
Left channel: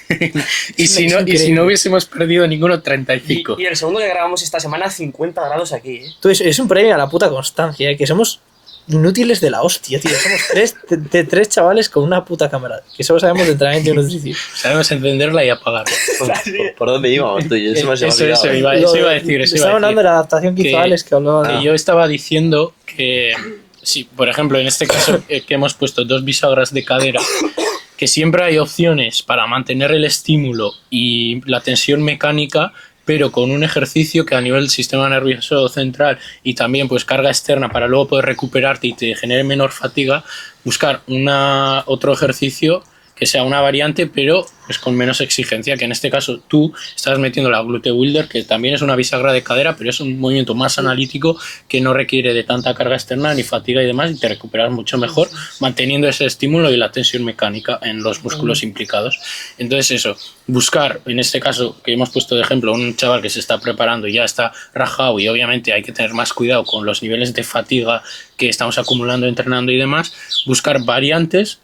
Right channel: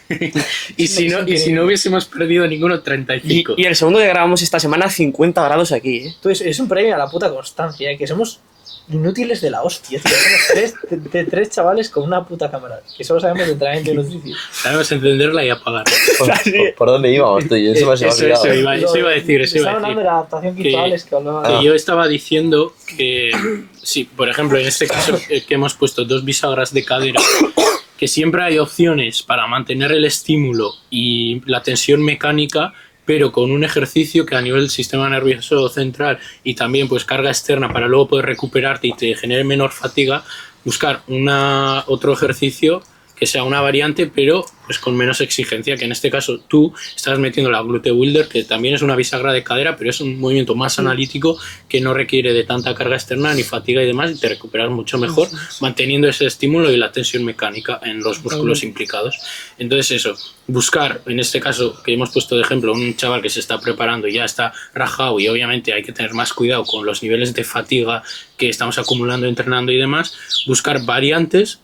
y si no hubiésemos perdido ninguno, 35. Y el segundo que grabamos esta semana, 50 grados aquí, ¿eh? Entonces, es un premio a la puta constancia, que somos inútiles de la hostia, tío. Somos tres chavales con una puta cámara, que solo sabemos de entrenamiento y nutrición. Sabemos encenderla y apagarla. ¿Por dónde íbamos tú? Eso me ha olvidado. Eso iba a decir. Estaba hablando de la adaptación que hizo Que- Alex, que hablaba Que yo estaba diciendo que, sí, por ejemplo, en este caso que hemos puesto 2 bisagras de cadera, que siempre hay opciones para mantener el estímulo y la tensión mecánica, pero con un ejercicio que a nivel del sistema nervioso central y también pues carga externa para luego poder recuperarte y te genere menor fatiga, buscar otro ejercicio que sea una variante, pero pues con menos exigencia, que en este caso tú estás metiendo la glute builder, que también es una bisagra de cadera, pero es un movimiento más analítico que no requiere de tanta carga externa ni fatiga y demás, y te recuperas mucho mejor manteniendo ese estímulo y la tensión mecánica en los músculos implicados. Entonces eso, buscar, en este caso que hemos puesto de ejemplo, un chaval que se está preparando y ya está rajado, y obviamente hay que tener más cuidado con los niveles de fatiga que estamos acumulando entrenando y demás, buscar variantes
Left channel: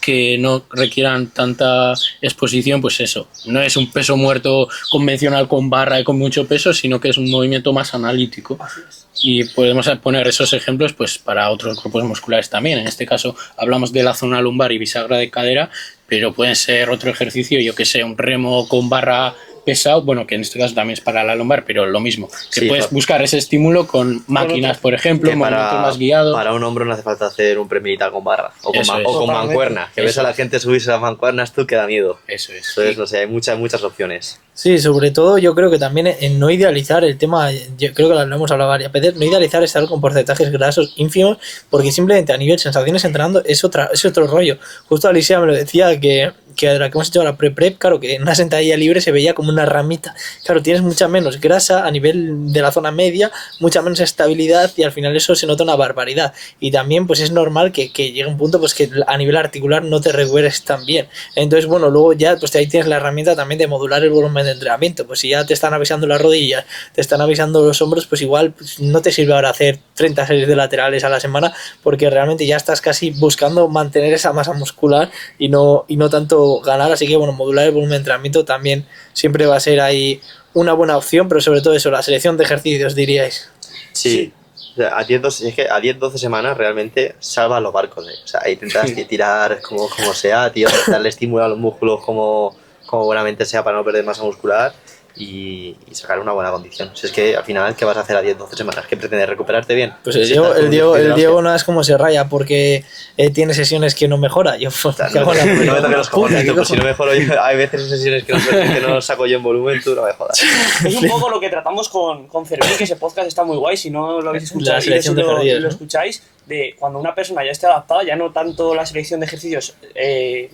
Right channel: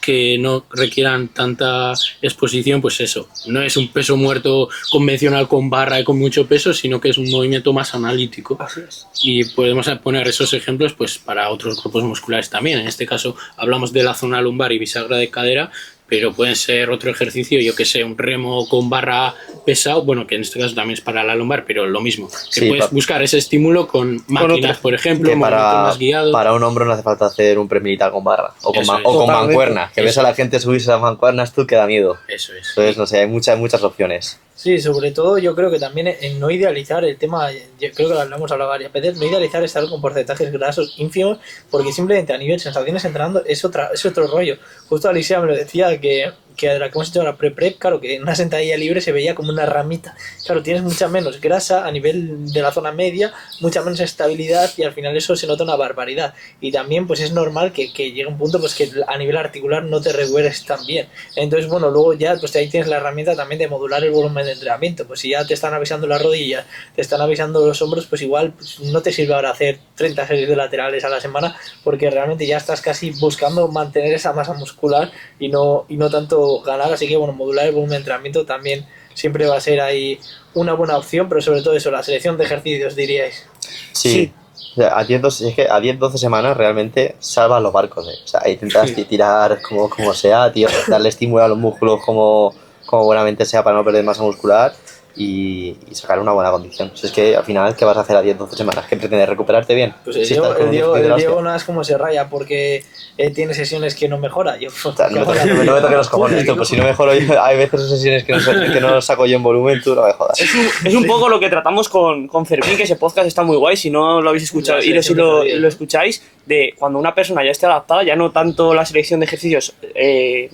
que no requieran tanta exposición. Pues eso, no es un peso muerto convencional con barra y con mucho peso, sino que es un movimiento más analítico. Así es. Y podemos poner esos ejemplos pues para otros grupos musculares también. En este caso hablamos de la zona lumbar y bisagra de cadera, pero pueden ser otro ejercicio, yo que sé, un remo con barra pesado, bueno, que en este caso también es para la lumbar, pero lo mismo, que Sí, puedes buscar ese estímulo con máquinas, por ejemplo, Que movimiento para, más guiado. para un hombro no hace falta hacer un premilitar con barra o con, Eso es. o con Totalmente. mancuerna, que ves Eso a la gente subirse a las mancuernas tú que da miedo. Eso es. Entonces, no sé, hay muchas opciones. Sí, sobre todo yo creo que también en no idealizar el tema, yo creo que lo hemos hablado varias veces, no idealizar estar con porcentajes grasos ínfimos, porque simplemente a nivel sensaciones entrenando es otro rollo. Justo Alicia me lo decía que de la que hemos hecho la pre-prep, claro, que en una sentadilla libre se veía como una ramita. Claro, tienes mucha menos grasa a nivel de la zona media, mucha menos estabilidad, y al final eso se nota una barbaridad. Y también pues es normal que llegue un punto pues que a nivel articular no te recuperes tan bien. Entonces, bueno, luego ya pues ahí tienes la herramienta también de modular el volumen de entrenamiento. Pues si ya te están avisando las rodillas, te están avisando los hombros, pues igual pues, no te sirve ahora hacer 30 series de laterales a la semana, porque realmente ya estás casi buscando mantener esa masa muscular y no tanto ganar. Así que bueno, modular el volumen de entrenamiento también siempre va a ser ahí una buena opción, pero sobre todo eso, la selección de ejercicios, diríais. Sí. O sea, es que a 10-12 semanas realmente salvas los barcos, ¿eh? O sea, intentas tirar como sea, tío, darle estímulo a los músculos como buenamente sea para no perder masa muscular y sacar una buena condición. Si es que al final, ¿qué vas a hacer a 10-12 semanas? ¿Qué pretendes? ¿Recuperarte bien? Pues Si estás con un el hostia. Diego no es como se raya porque tiene sesiones que no mejora. Yo, O sea, no me toques los cojones, tú, pues si no mejoro yo, hay veces sesiones que no saco yo en volumen, tú no me jodas. Es un poco lo que tratamos con Fermín, que ese podcast está muy guay. Si no lo habéis escuchado, La selección de ejercicios, lo ¿no? escucháis, de cuando una persona ya esté adaptada, ya no tanto la selección de ejercicios,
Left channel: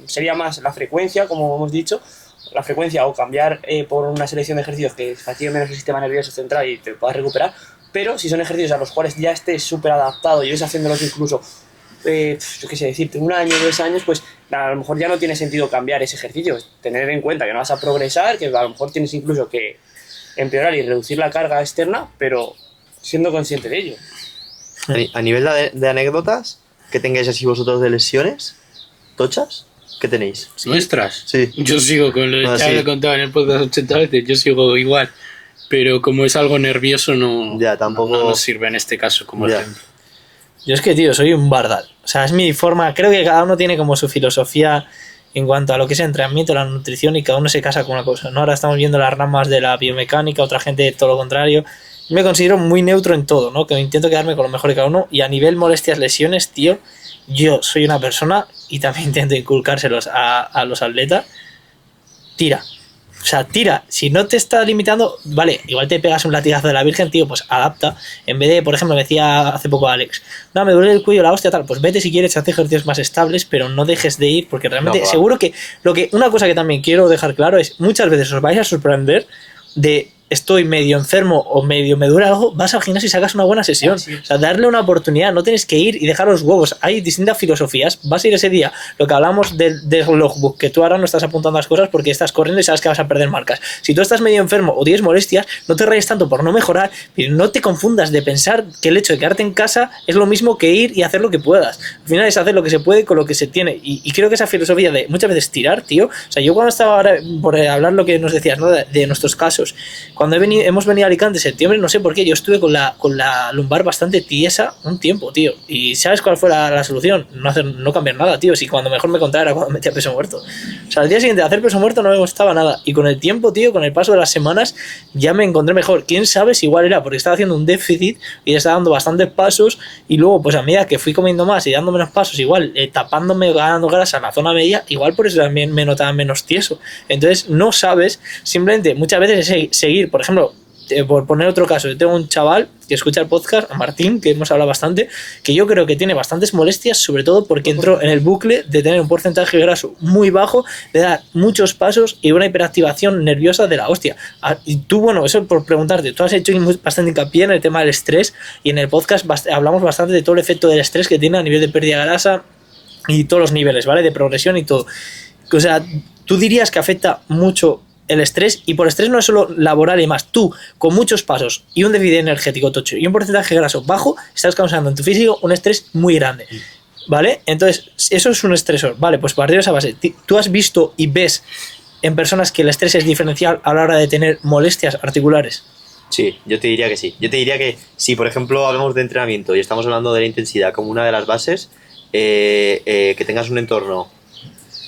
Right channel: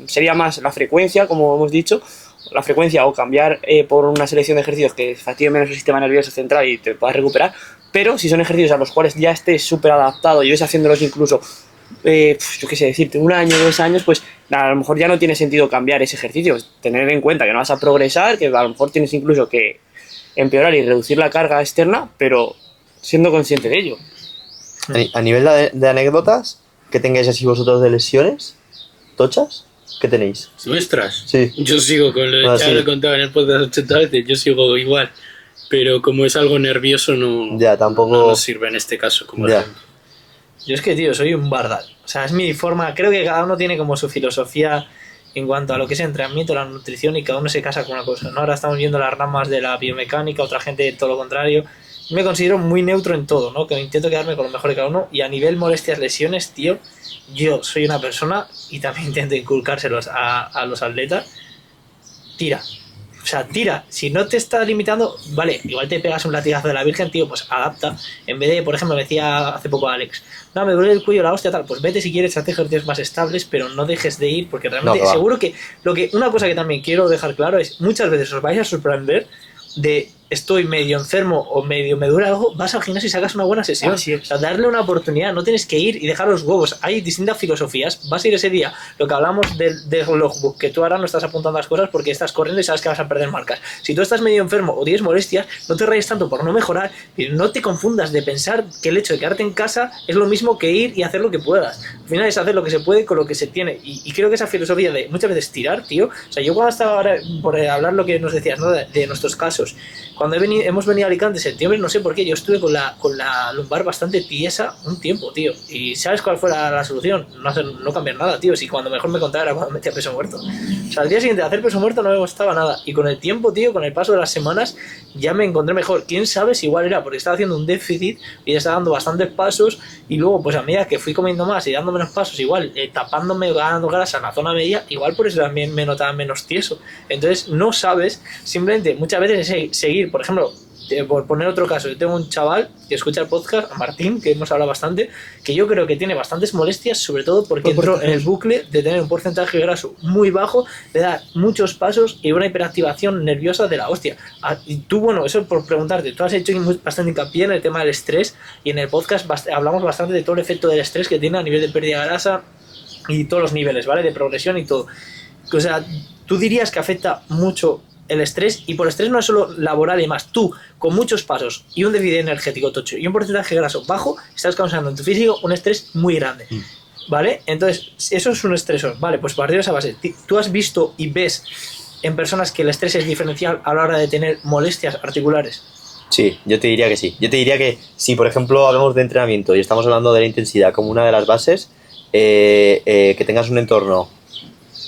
sería más la frecuencia, como hemos dicho, la frecuencia, o cambiar por una selección de ejercicios que fatigue menos el sistema nervioso central y te puedas recuperar. Pero si son ejercicios a los cuales ya estés súper adaptado y ves haciéndolos incluso, yo qué sé decirte, 1 año, 2 años, pues a lo mejor ya no tiene sentido cambiar ese ejercicio. Tener en cuenta que no vas a progresar, que a lo mejor tienes incluso que empeorar y reducir la carga externa, pero siendo consciente de ello. A nivel de anécdotas, ¿qué tengáis así vosotros de lesiones tochas? ¿Qué tenéis? ¿Nuestras? Sí. Yo sigo con lo de Ah, ya lo sí. contaba en el podcast 80 veces, yo sigo igual. Pero como es algo nervioso, no, Ya, tampoco- no nos sirve en este caso como Ya. ejemplo. Yo es que, tío, soy un bardal. O sea, es mi forma. Creo que cada uno tiene como su filosofía en cuanto a lo que es el entrenamiento, la nutrición, y cada uno se casa con una cosa, ¿no? Ahora estamos viendo las ramas de la biomecánica, otra gente todo lo contrario. Yo me considero muy neutro en todo, ¿no? Que intento quedarme con lo mejor de cada uno. Y a nivel molestias, lesiones, tío, yo soy una persona, y también intento inculcárselos a los atletas, tira. O sea, tira. Si no te está limitando, vale, igual te pegas un latigazo de la Virgen, tío, pues adapta. En vez de, por ejemplo, me decía hace poco Alex, no, me duele el cuello, la hostia, tal, pues vete si quieres, haz ejercicios más estables, pero no dejes de ir, porque realmente No, va. seguro que una cosa que también quiero dejar claro es, muchas veces os vais a sorprender de estoy medio enfermo o medio me duele algo, vas al gimnasio y sacas una buena sesión. Así es. O sea, darle una oportunidad, no tienes que ir y dejar los huevos. Hay distintas filosofías. Vas a ir ese día, lo que hablamos del logbook, que tú ahora no estás apuntando las cosas porque estás corriendo y sabes que vas a perder marcas. Si tú estás medio enfermo o tienes molestias, no te rayes tanto por no mejorar, pero no te confundas de pensar que el hecho de quedarte en casa es lo mismo que ir y hacer lo que puedas. Al final es hacer lo que se puede con lo que se tiene. Y creo que esa filosofía de muchas veces tirar, tío. O sea, yo cuando estaba ahora, por hablar lo que nos decías, ¿no? de nuestros casos, cuando hemos venido a Alicante en septiembre, no sé por qué, yo estuve con la lumbar bastante tiesa un tiempo, tío. ¿Y sabes cuál fue la solución? No cambiar nada, tío. Si cuando mejor me contara era cuando metía peso muerto. O sea, al día siguiente de hacer peso muerto no me gustaba nada. Y con el tiempo, tío, con el paso de las semanas, ya me encontré mejor. ¿Quién sabe si igual era porque estaba haciendo un déficit y estaba dando bastantes pasos, y luego, pues a medida que fui comiendo más y dando menos pasos, igual tapándome, ganando grasa en la zona media, igual por eso también me notaba menos tieso. Entonces, no sabes, simplemente muchas veces es seguir, por ejemplo, por poner otro caso, yo tengo un chaval que escucha el podcast, a Martín, que hemos hablado bastante, que yo creo que tiene bastantes molestias, sobre todo porque entró en el bucle de tener un porcentaje graso muy bajo, de dar muchos pasos y una hiperactivación nerviosa de la hostia. Y tú, bueno, eso por preguntarte, tú has hecho bastante hincapié en el tema del estrés y en el podcast hablamos bastante de todo el efecto del estrés que tiene a nivel de pérdida de grasa y todos los niveles, ¿vale? De progresión y todo. O sea, tú dirías que afecta mucho el estrés, y por estrés no es solo laboral y más, tú con muchos pasos y un déficit energético tocho y un porcentaje graso bajo, estás causando en tu físico un estrés muy grande, ¿vale? Entonces, eso es un estresor, ¿vale? Pues partiendo de esa base, tú has visto y ves en personas que el estrés es diferencial a la hora de tener molestias articulares. Sí, yo te diría que sí. Yo te diría que si, por ejemplo, hablamos de entrenamiento y estamos hablando de la intensidad como una de las bases, que tengas un entorno,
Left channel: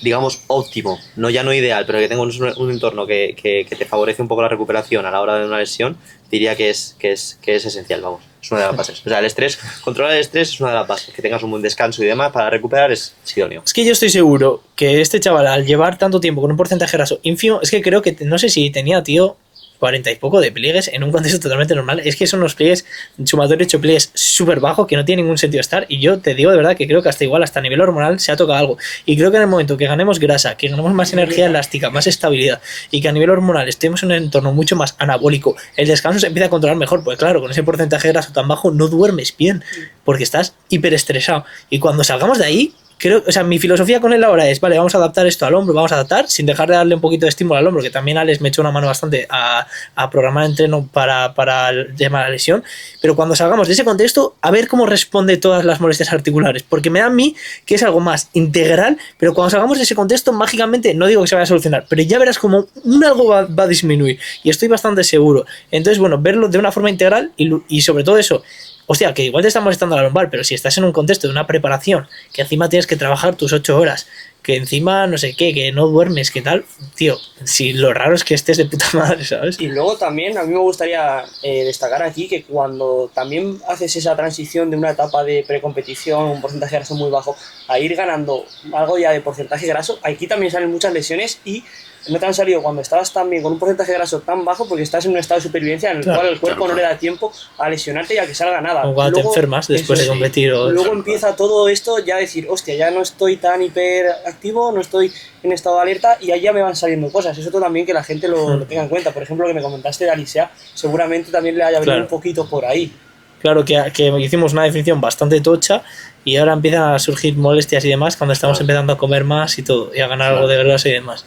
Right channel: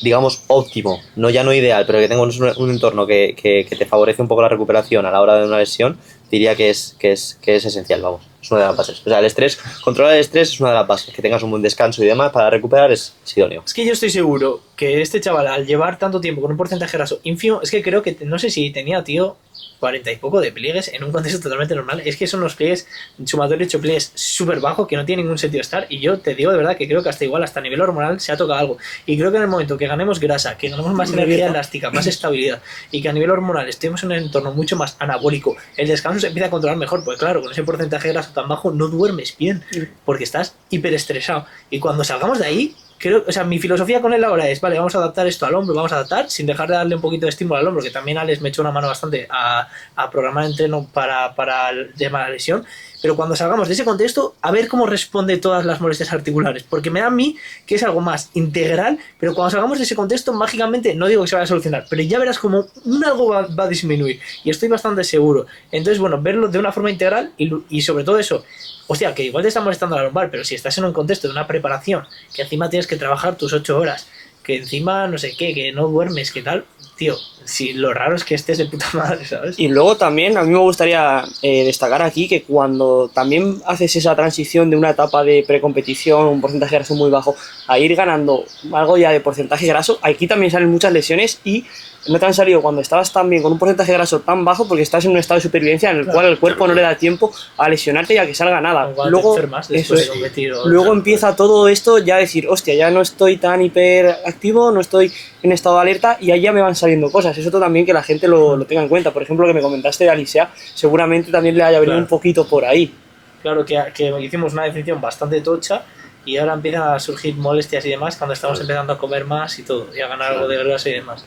digamos, óptimo, no ideal, pero que tengas un entorno que te favorece un poco la recuperación a la hora de una lesión, diría que es esencial, vamos. Es una de las bases. O sea, el estrés, controlar el estrés es una de las bases. Que tengas un buen descanso y demás para recuperar es idóneo. Es que yo estoy seguro que este chaval, al llevar tanto tiempo con un porcentaje graso ínfimo, es que creo que, no sé si tenía, tío, 40 y poco de pliegues en un contexto totalmente normal. Es que son unos pliegues, sumatorio 8 pliegues súper bajos que no tiene ningún sentido estar. Y yo te digo de verdad que creo que hasta a nivel hormonal se ha tocado algo. Y creo que en el momento que ganemos grasa, que ganemos más energía elástica, más estabilidad y que a nivel hormonal estemos en un entorno mucho más anabólico, el descanso se empieza a controlar mejor. Pues claro, con ese porcentaje de graso tan bajo no duermes bien porque estás hiperestresado. Y cuando salgamos de ahí, creo, o sea, mi filosofía con él ahora es, vale, vamos a adaptar esto al hombro, vamos a adaptar sin dejar de darle un poquito de estímulo al hombro, que también Alex me echó una mano bastante a programar entreno para el tema de la lesión, pero cuando salgamos de ese contexto, a ver cómo responde todas las molestias articulares, porque me da a mí que es algo más integral, pero cuando salgamos de ese contexto, mágicamente, no digo que se vaya a solucionar, pero ya verás como algo va a disminuir, y estoy bastante seguro. Entonces, bueno, verlo de una forma integral y sobre todo eso, hostia, que igual te está molestando la lumbar, pero si estás en un contexto de una preparación, que encima tienes que trabajar tus 8 horas, que encima no sé qué, que no duermes, que tal, tío, si lo raro es que estés de puta madre, ¿sabes? Y luego también a mí me gustaría destacar aquí que cuando también haces esa transición de una etapa de precompetición, un porcentaje de graso muy bajo, a ir ganando algo ya de porcentaje graso, aquí también salen muchas lesiones y no te han salido cuando estabas también con un porcentaje de graso tan bajo porque estás en un estado de supervivencia en el cual el cuerpo no le da tiempo a lesionarte y a que salga nada. O cuando luego, te enfermas después de competir. Luego empieza todo esto ya a decir, hostia, ya no estoy tan hiperactivo, no estoy en estado de alerta y ahí ya me van saliendo cosas. Eso también que la gente lo tenga en cuenta. Por ejemplo, lo que me comentaste de Alicia, seguramente también le haya venido un poquito por ahí. Claro, que hicimos una definición bastante tocha y ahora empiezan a surgir molestias y demás cuando estamos empezando a comer más y todo, y a ganar algo de grasa y demás.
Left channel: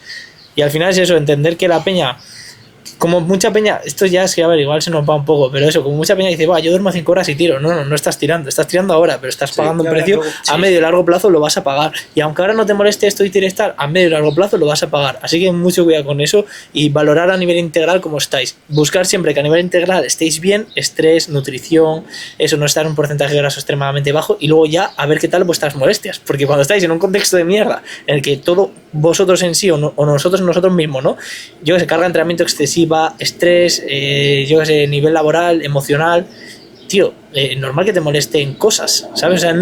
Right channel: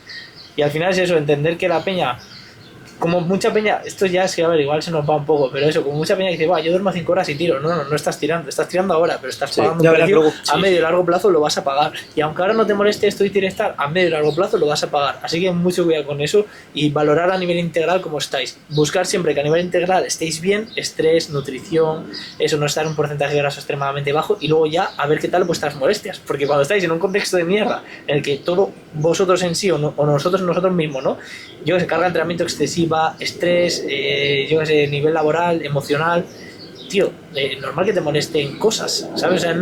Y al final es eso, entender que la peña, como mucha peña, esto ya es que, a ver, igual se nos va un poco, pero eso, como mucha peña dice, yo duermo 5 horas y tiro. No estás tirando ahora, pero estás pagando un precio, a medio y largo plazo lo vas a pagar. Y aunque ahora no te moleste esto y tienes estar, a medio y largo plazo lo vas a pagar. Así que mucho cuidado con eso y valorar a nivel integral cómo estáis. Buscar siempre que a nivel integral estéis bien, estrés, nutrición, eso, no estar en un porcentaje de graso extremadamente bajo y luego ya a ver qué tal vuestras molestias. Porque cuando estáis en un contexto de mierda en el que todo vosotros en sí o nosotros mismos, ¿no? Yo que sé, carga de entrenamiento excesiva, estrés, yo que sé, nivel laboral, emocional, tío, normal que te molesten cosas, ¿sabes? O sea,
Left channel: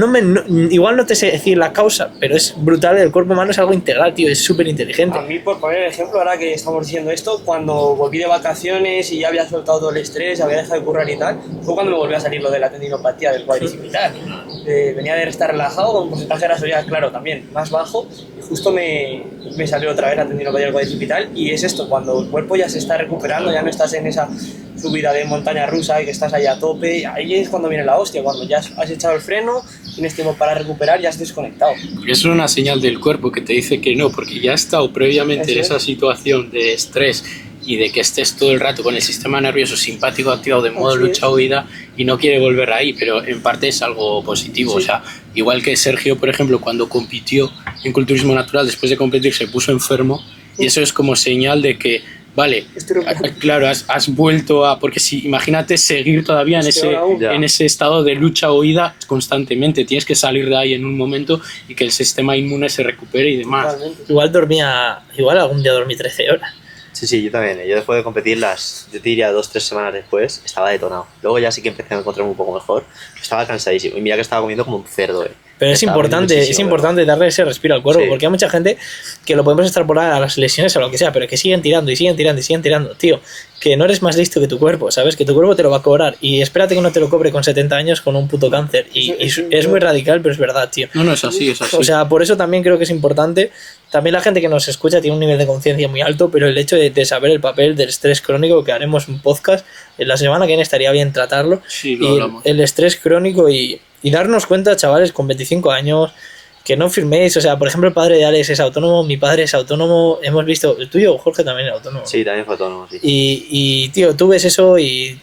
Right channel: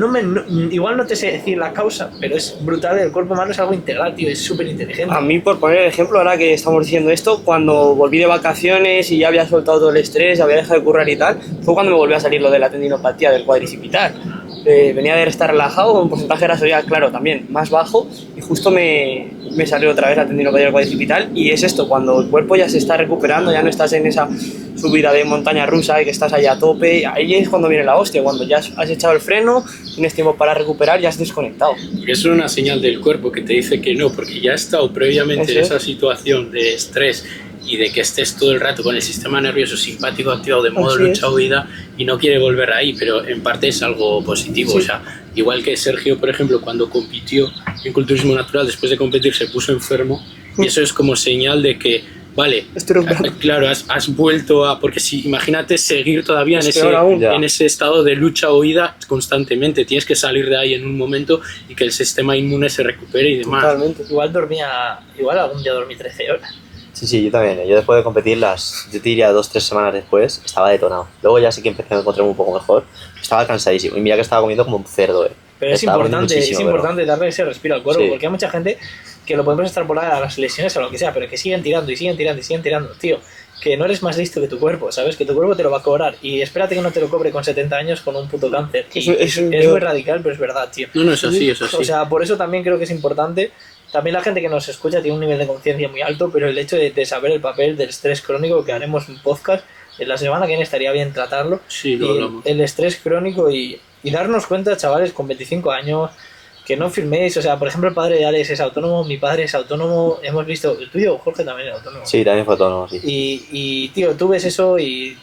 igual no te sé decir la causa, pero es brutal, el cuerpo humano es algo integral, tío, es súper inteligente. A mí, por poner el ejemplo, ahora que estamos diciendo esto, cuando volví de vacaciones y ya había soltado todo el estrés, había dejado de currar y tal, fue cuando me volvió a salir lo de la tendinopatía del cuadricipital. Venía de estar relajado, con un porcentaje de grasa ya, claro, también más bajo, y justo me salió otra vez la tendinopatía del cuadricipital, y es esto, cuando el cuerpo ya se está recuperando, ya no estás en esa subida de montaña rusa y que estás ahí a tope, ahí es cuando viene la hostia, cuando ya has echado el freno, tienes tiempo para recuperar, ya has desconectado. Porque eso es una señal del cuerpo que te dice que no, porque ya ha estado previamente en esa situación de estrés y de que estés todo el rato con el sistema nervioso simpático activado de modo lucha-huida y no quiere volver ahí, pero en parte es algo positivo. O sea, igual que Sergio, por ejemplo, cuando compitió en culturismo natural, después de competir se puso enfermo y eso es como señal de que, vale, claro, has vuelto a... Porque si, imagínate seguir todavía en ese estado de lucha-huida constantemente, tienes que salir de ahí en un momento y que el sistema inmune se recupere y demás. Totalmente. Igual algún día dormí 13 horas. Sí, yo también. Yo después de competir, yo te diría 2-3 semanas después, estaba detonado. Luego ya sí que empecé a encontrarme un poco mejor. Estaba cansadísimo. Y mira que estaba comiendo como un cerdo, Pero es Está dando importante, muchísimo, darle ese respiro al cuerpo, Sí. porque hay mucha gente que lo podemos extrapolar a las lesiones o lo que sea, pero que siguen tirando y siguen tirando y siguen tirando, tío. Que no eres más listo que tu cuerpo, ¿sabes? Que tu cuerpo te lo va a cobrar y espérate que no te lo cobre con 70 años con un puto cáncer. Y es muy radical, pero es verdad, tío. No, es así, es así. O sea, por eso también creo que es importante. También la gente que nos escucha tiene un nivel de conciencia muy alto, pero el hecho de saber el papel del estrés crónico, que haremos un podcast, en la semana que viene estaría bien tratarlo. Sí, lo Y hablamos. el estrés crónico y darnos cuenta, chavales, con 25 años, que no firméis. O sea, por ejemplo, el padre de Alex es autónomo, mi padre es autónomo, hemos visto, el tuyo, Jorge, también es autónomo. Sí, también fue autónomo, sí. Y tío, tú ves eso y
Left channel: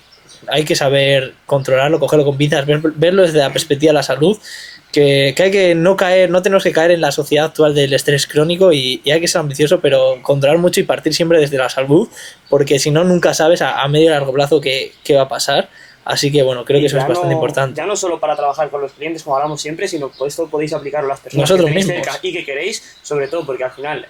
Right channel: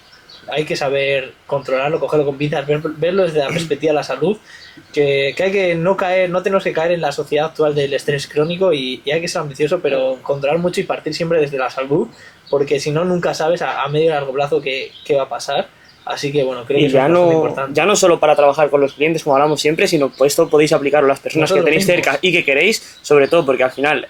hay que saber controlarlo, cogerlo con pinzas, verlo desde la perspectiva de la salud, que hay que no caer, no tenemos que caer en la sociedad actual del estrés crónico y hay que ser ambicioso, pero controlar mucho y partir siempre desde la salud, porque si no, nunca sabes a medio y largo plazo qué va a pasar. Así que bueno, creo que Y eso es bastante importante. ya no solo para trabajar con los clientes, como hablamos siempre, sino pues esto podéis aplicarlo a las personas Nosotros que tenéis mismos. cerca y que queréis, sobre todo porque al final,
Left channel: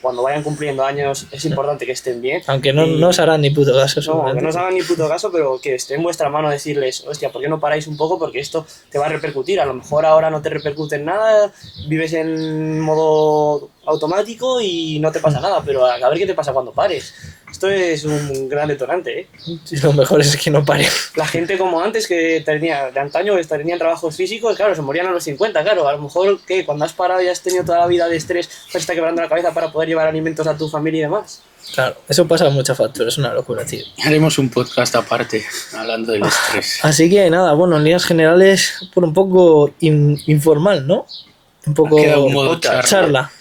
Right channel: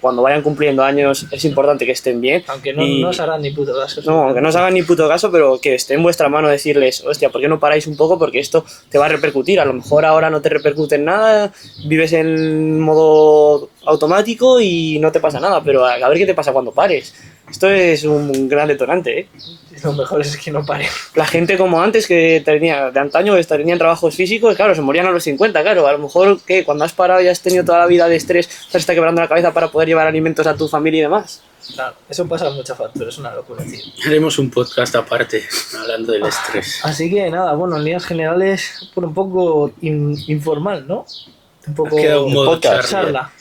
cuando vayan cumpliendo años, es importante que estén bien. Aunque no, Y- no os harán ni puto caso. No, que no os hagan ni puto caso, pero que esté en vuestra mano decirles, hostia, ¿por qué no paráis un poco? Porque esto te va a repercutir. A lo mejor ahora no te repercute en nada, vives en modo automático y no te pasa nada, pero a ver qué te pasa cuando pares. Esto es un gran detonante, ¿eh? Lo mejor es que no pare. La gente como antes que tenía, de antaño, que tenían trabajos físicos, claro, se morían a los 50, claro. A lo mejor que cuando has parado y has tenido toda la vida de estrés, te está quebrando la cabeza para poder llevar alimentos a tu familia y demás. Claro, eso pasa con mucha factura, es una locura, tío. Haremos un podcast aparte, hablando del estrés. Así que nada, bueno, en líneas generales, por un poco informal, ¿no? Un poco Ha quedado un modo podcast, charla.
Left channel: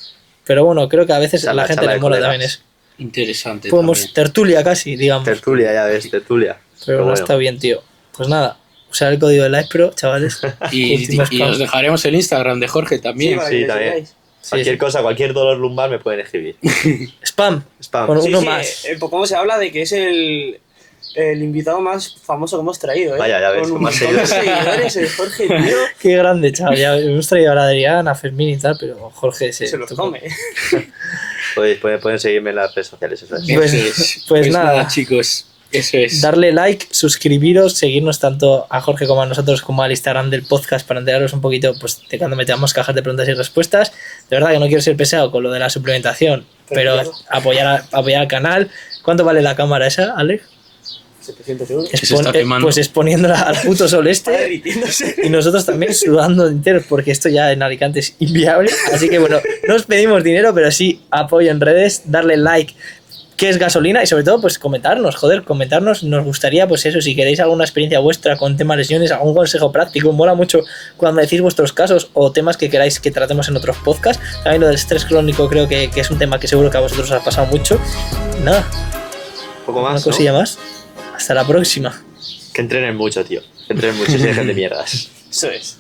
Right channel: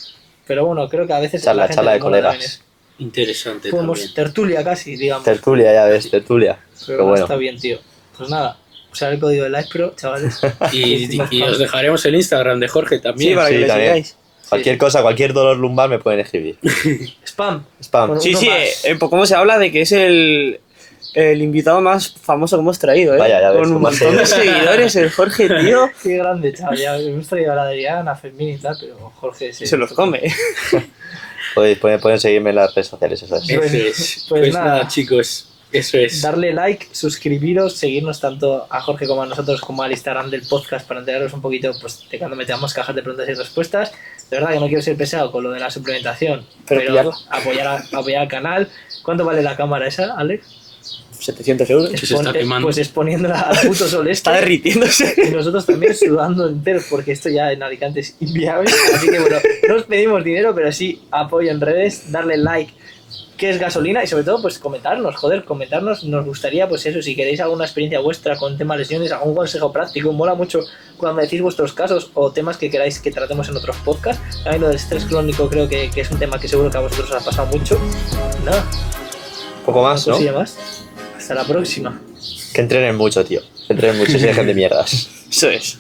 Pero bueno, creo que a veces Charla, la gente charla le de mola colegas. también eso. Interesante Podemos también. tertulia casi, digamos. Tertulia, ya ves, tertulia. Pero bueno, está bien, tío. Pues nada, usar el código de LivePro, chavales. Y Últimos os pasos. dejaremos el Instagram de Jorge Sí, también. para Sí, que le también. sigáis. Cualquier cosa, cualquier dolor lumbar me pueden escribir. Spam. Spam. Bueno, Sí, uno sí, más. ¿cómo se habla de que es el invitado más famoso que hemos traído, ¿eh? Vaya, ya ves, Con un con más montón de seguidores. seguidores, el Jorge, tío, Qué grande, chaval. Ya hemos traído a la Adrián, a Fermín y tal, pero Jorge se los come. Pueden seguirme en las redes sociales, eso es. Pues- Eso es. pues nada. chicos, eso es. Darle like, suscribiros, seguirnos tanto a Jorge como a nosotros como al Instagram del podcast para enteraros un poquito pues, de cuando metamos cajas de preguntas y respuestas. De verdad que no quiero ser pesado con lo de la suplementación, Pero pero apoyar al canal. ¿Cuánto vale la cámara esa, Alex? 700 euros. se está quemando. Pues exponiéndola al puto sol Está este. derritiéndose. Y nosotros también sudando enteros porque esto ya en Alicante es inviable. Así que bueno, no os pedimos dinero, pero sí apoyo en redes, darle like, qué es gasolina y sobre todo pues comentarnos, comentarnos. Nos gustaría pues eso, si queréis alguna experiencia vuestra con temas lesiones, algún consejo práctico, mola mucho cuando decís vuestros casos o temas que queráis que tratemos en otros podcasts. También lo del estrés crónico creo que es un tema que seguro que a vosotros os ha pasado mucho. Nada, Un poco una más, ¿no? cosilla más. Hasta la próxima. Que entrenen mucho, tío. Que entrenen mucho y se dejen de mierdas. Eso es.